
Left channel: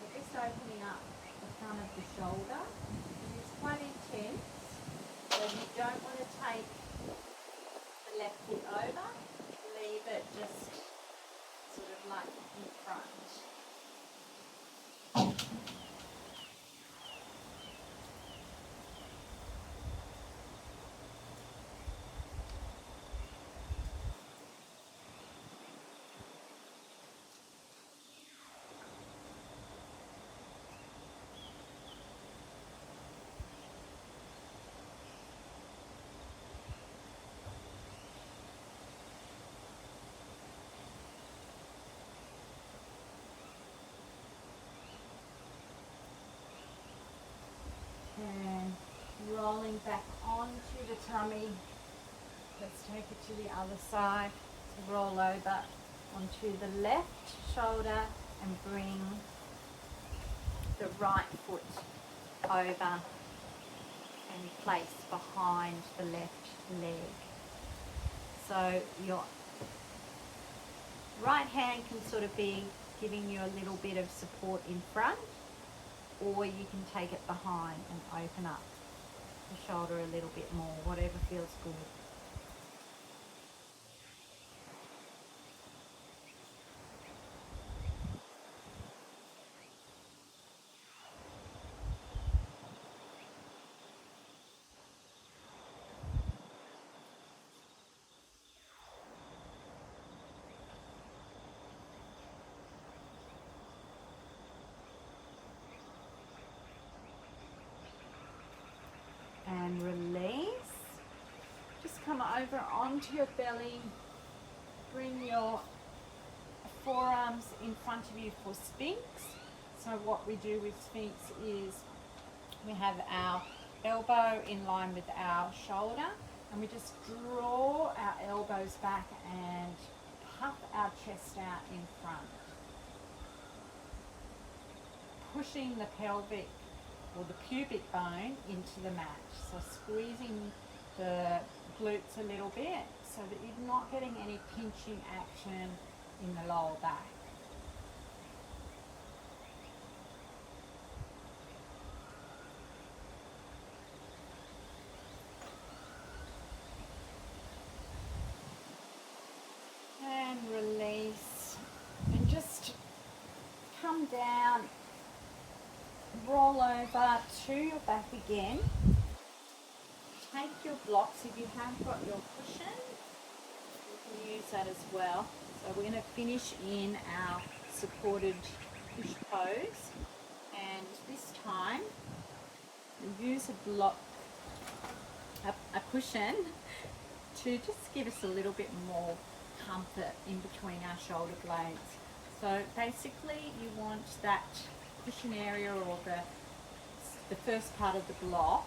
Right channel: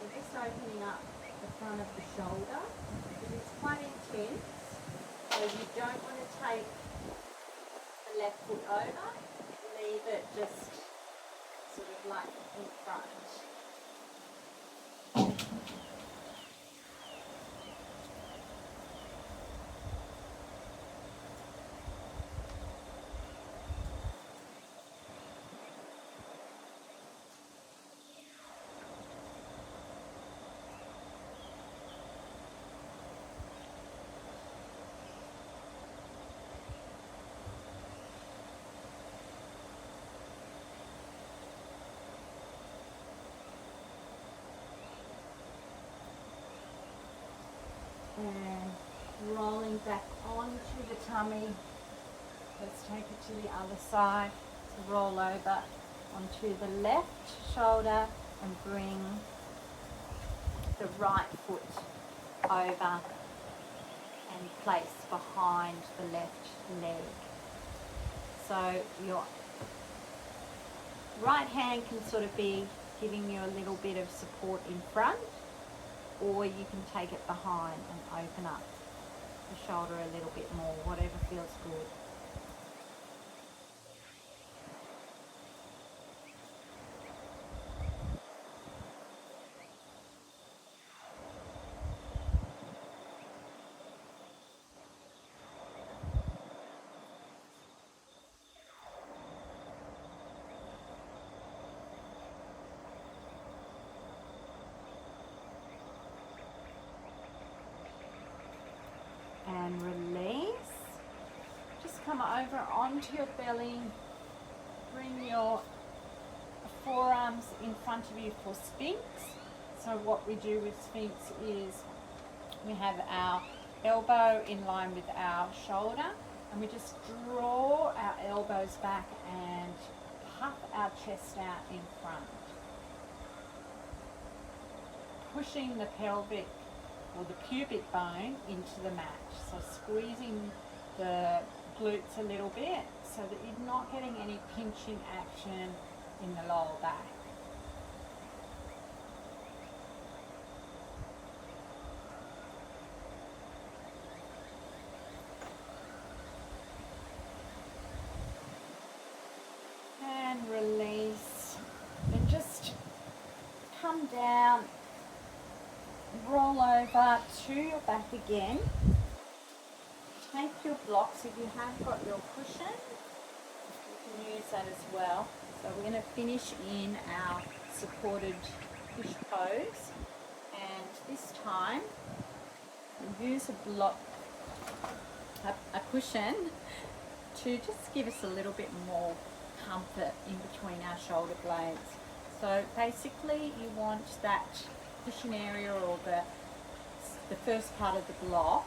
So just opening up the front of the shoulder, because it's quite intense, so you don't want to take the left foot over, leave it just sort of like in front. And rolling back onto the tummy. Let's take it to the other side. So roll over onto the left shoulder and bring the right foot over and place behind the left leg. So your right hand can sort of be giving you a little bit of support in front, or you can take it behind and open up the shoulder a little bit more, whatever feels good. And release. Just come over onto your belly. Bring your forearms in front of you for Sphinx. So what we do with Sphinx is we have our elbow in line with our shoulder, and we just draw our elbows back and puff our chest out in front, pushing the pelvic or the pubic bone into the mat. So squeezing the glutes a little bit so that you're not getting any pinching action in the lower back. And release, and just come down, roll over to your back again. Take your blocks, if you have got your cushion, you can use that as well. So we're going to finish in our supported fish pose, and this time we use a block, a cushion, to just give us a little bit more comfort in between our shoulder blades. So basically you want that cushion area, or the first part of the block,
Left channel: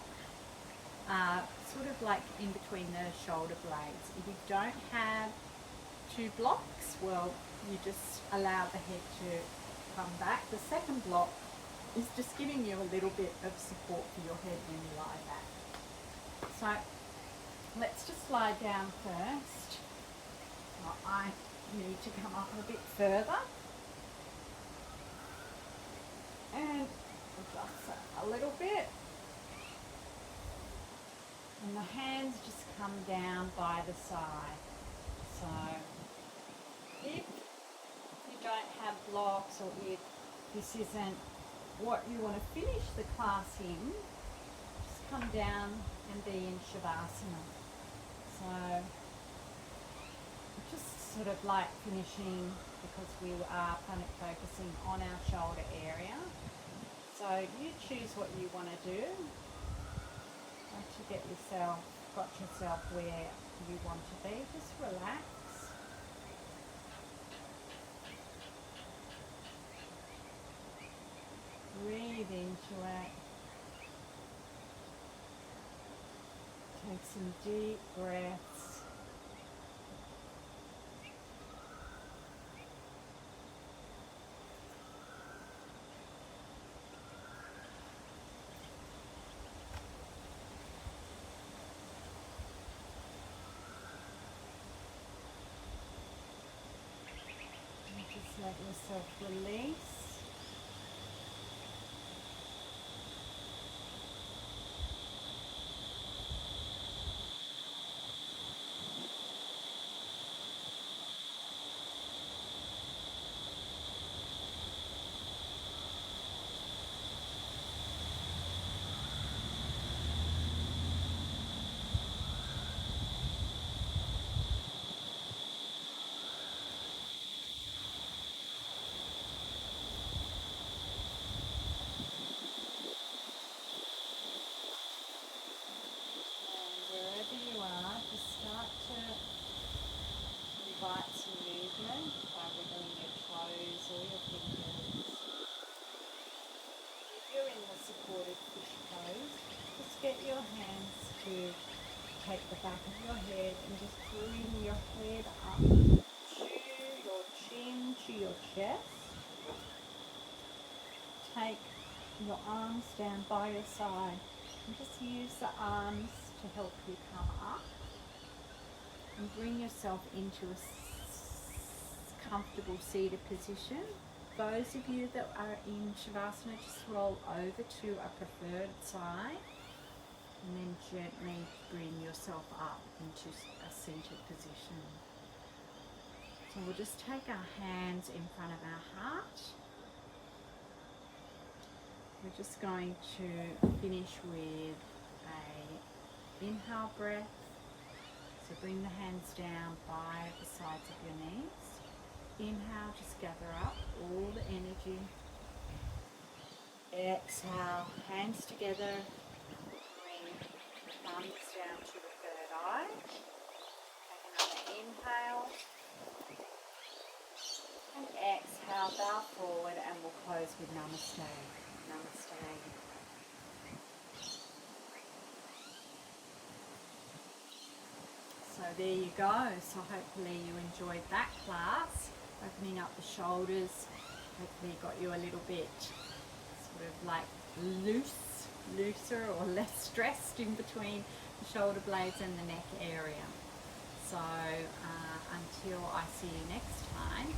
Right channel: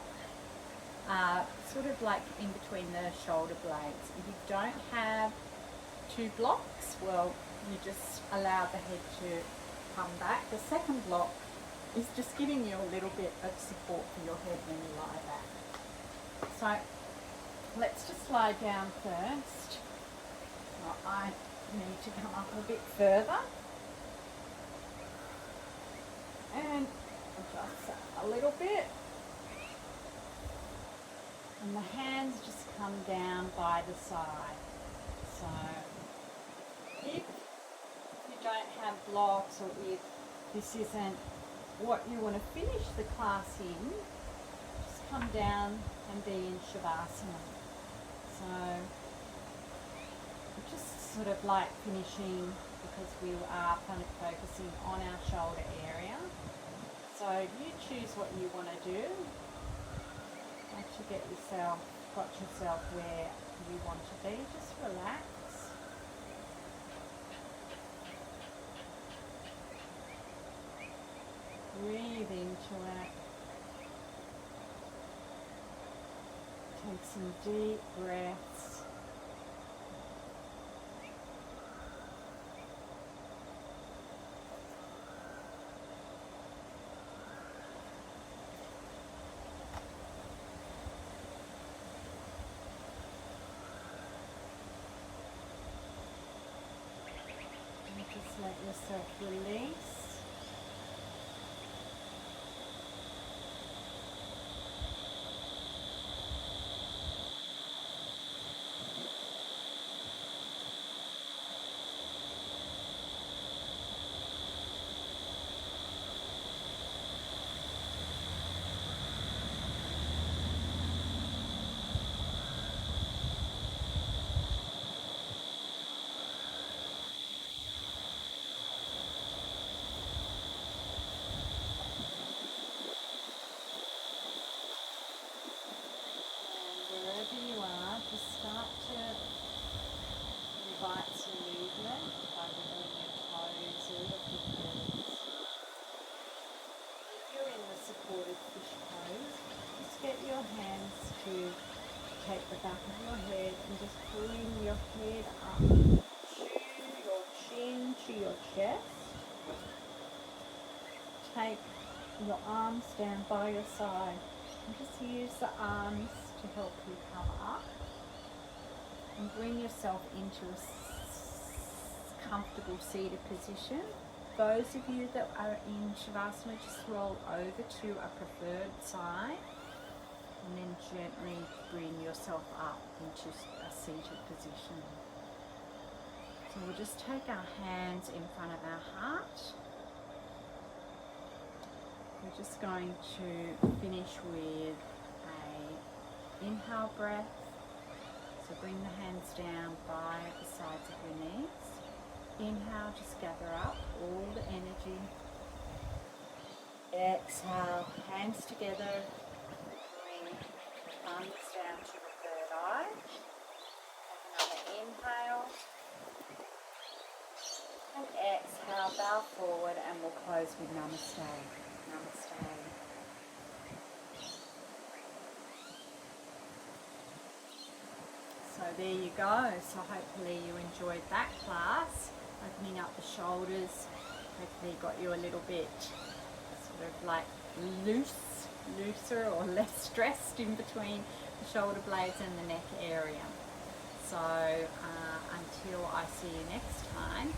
sort of like in between the shoulder blades. If you don't have two blocks, well, you just allow the head to come back. The second block is just giving you a little bit of support for your head when you lie back. So let's just lie down first. I need to come up a bit further and adjust that a little bit, and the hands just come down by the side. So if you don't have blocks, or if this isn't what you want to finish the class in, just come down and be in Shavasana. So just sort of like finishing, because we are kind of focusing on our shoulder area. So you choose what you want to do. Once you got yourself where you want to be, just relax. Breathe into it. Take some deep breaths. Just let yourself release. Just start to invite some movement by wiggling your toes or your fingers. If you're in the supported fish pose, just get your hands to take the back of your head and just bring your head up to your chin, to your chest. Take your arms down by your side and just use the arms to help you come up. And bring yourself into a comfortable seated position. Those of you that are in Shavasana, just roll over to a preferred side and then gently bring yourself up into a seated position. So we'll just take our hands in front of our heart. We're just going to finish with a inhale breath. So bring the hands down by the sides of your knees. Inhale, just gather up all the energy. Exhale, hands together. Bring the thumbs down to the third eye. Take another inhale. And exhale, bow forward, and we'll close with Namaste. Namaste. So there you go. So hopefully you enjoyed that class, opening up the shoulders. Hopefully you got you a little bit sort of like looser or less stressed in between the shoulder blades and the neck area. So until I see you next time,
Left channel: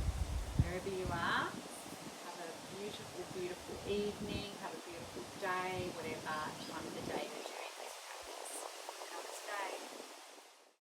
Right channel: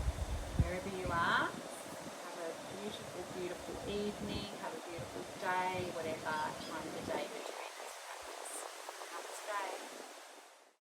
wherever you are, have a beautiful, beautiful evening, have a beautiful day, whatever time of the day you're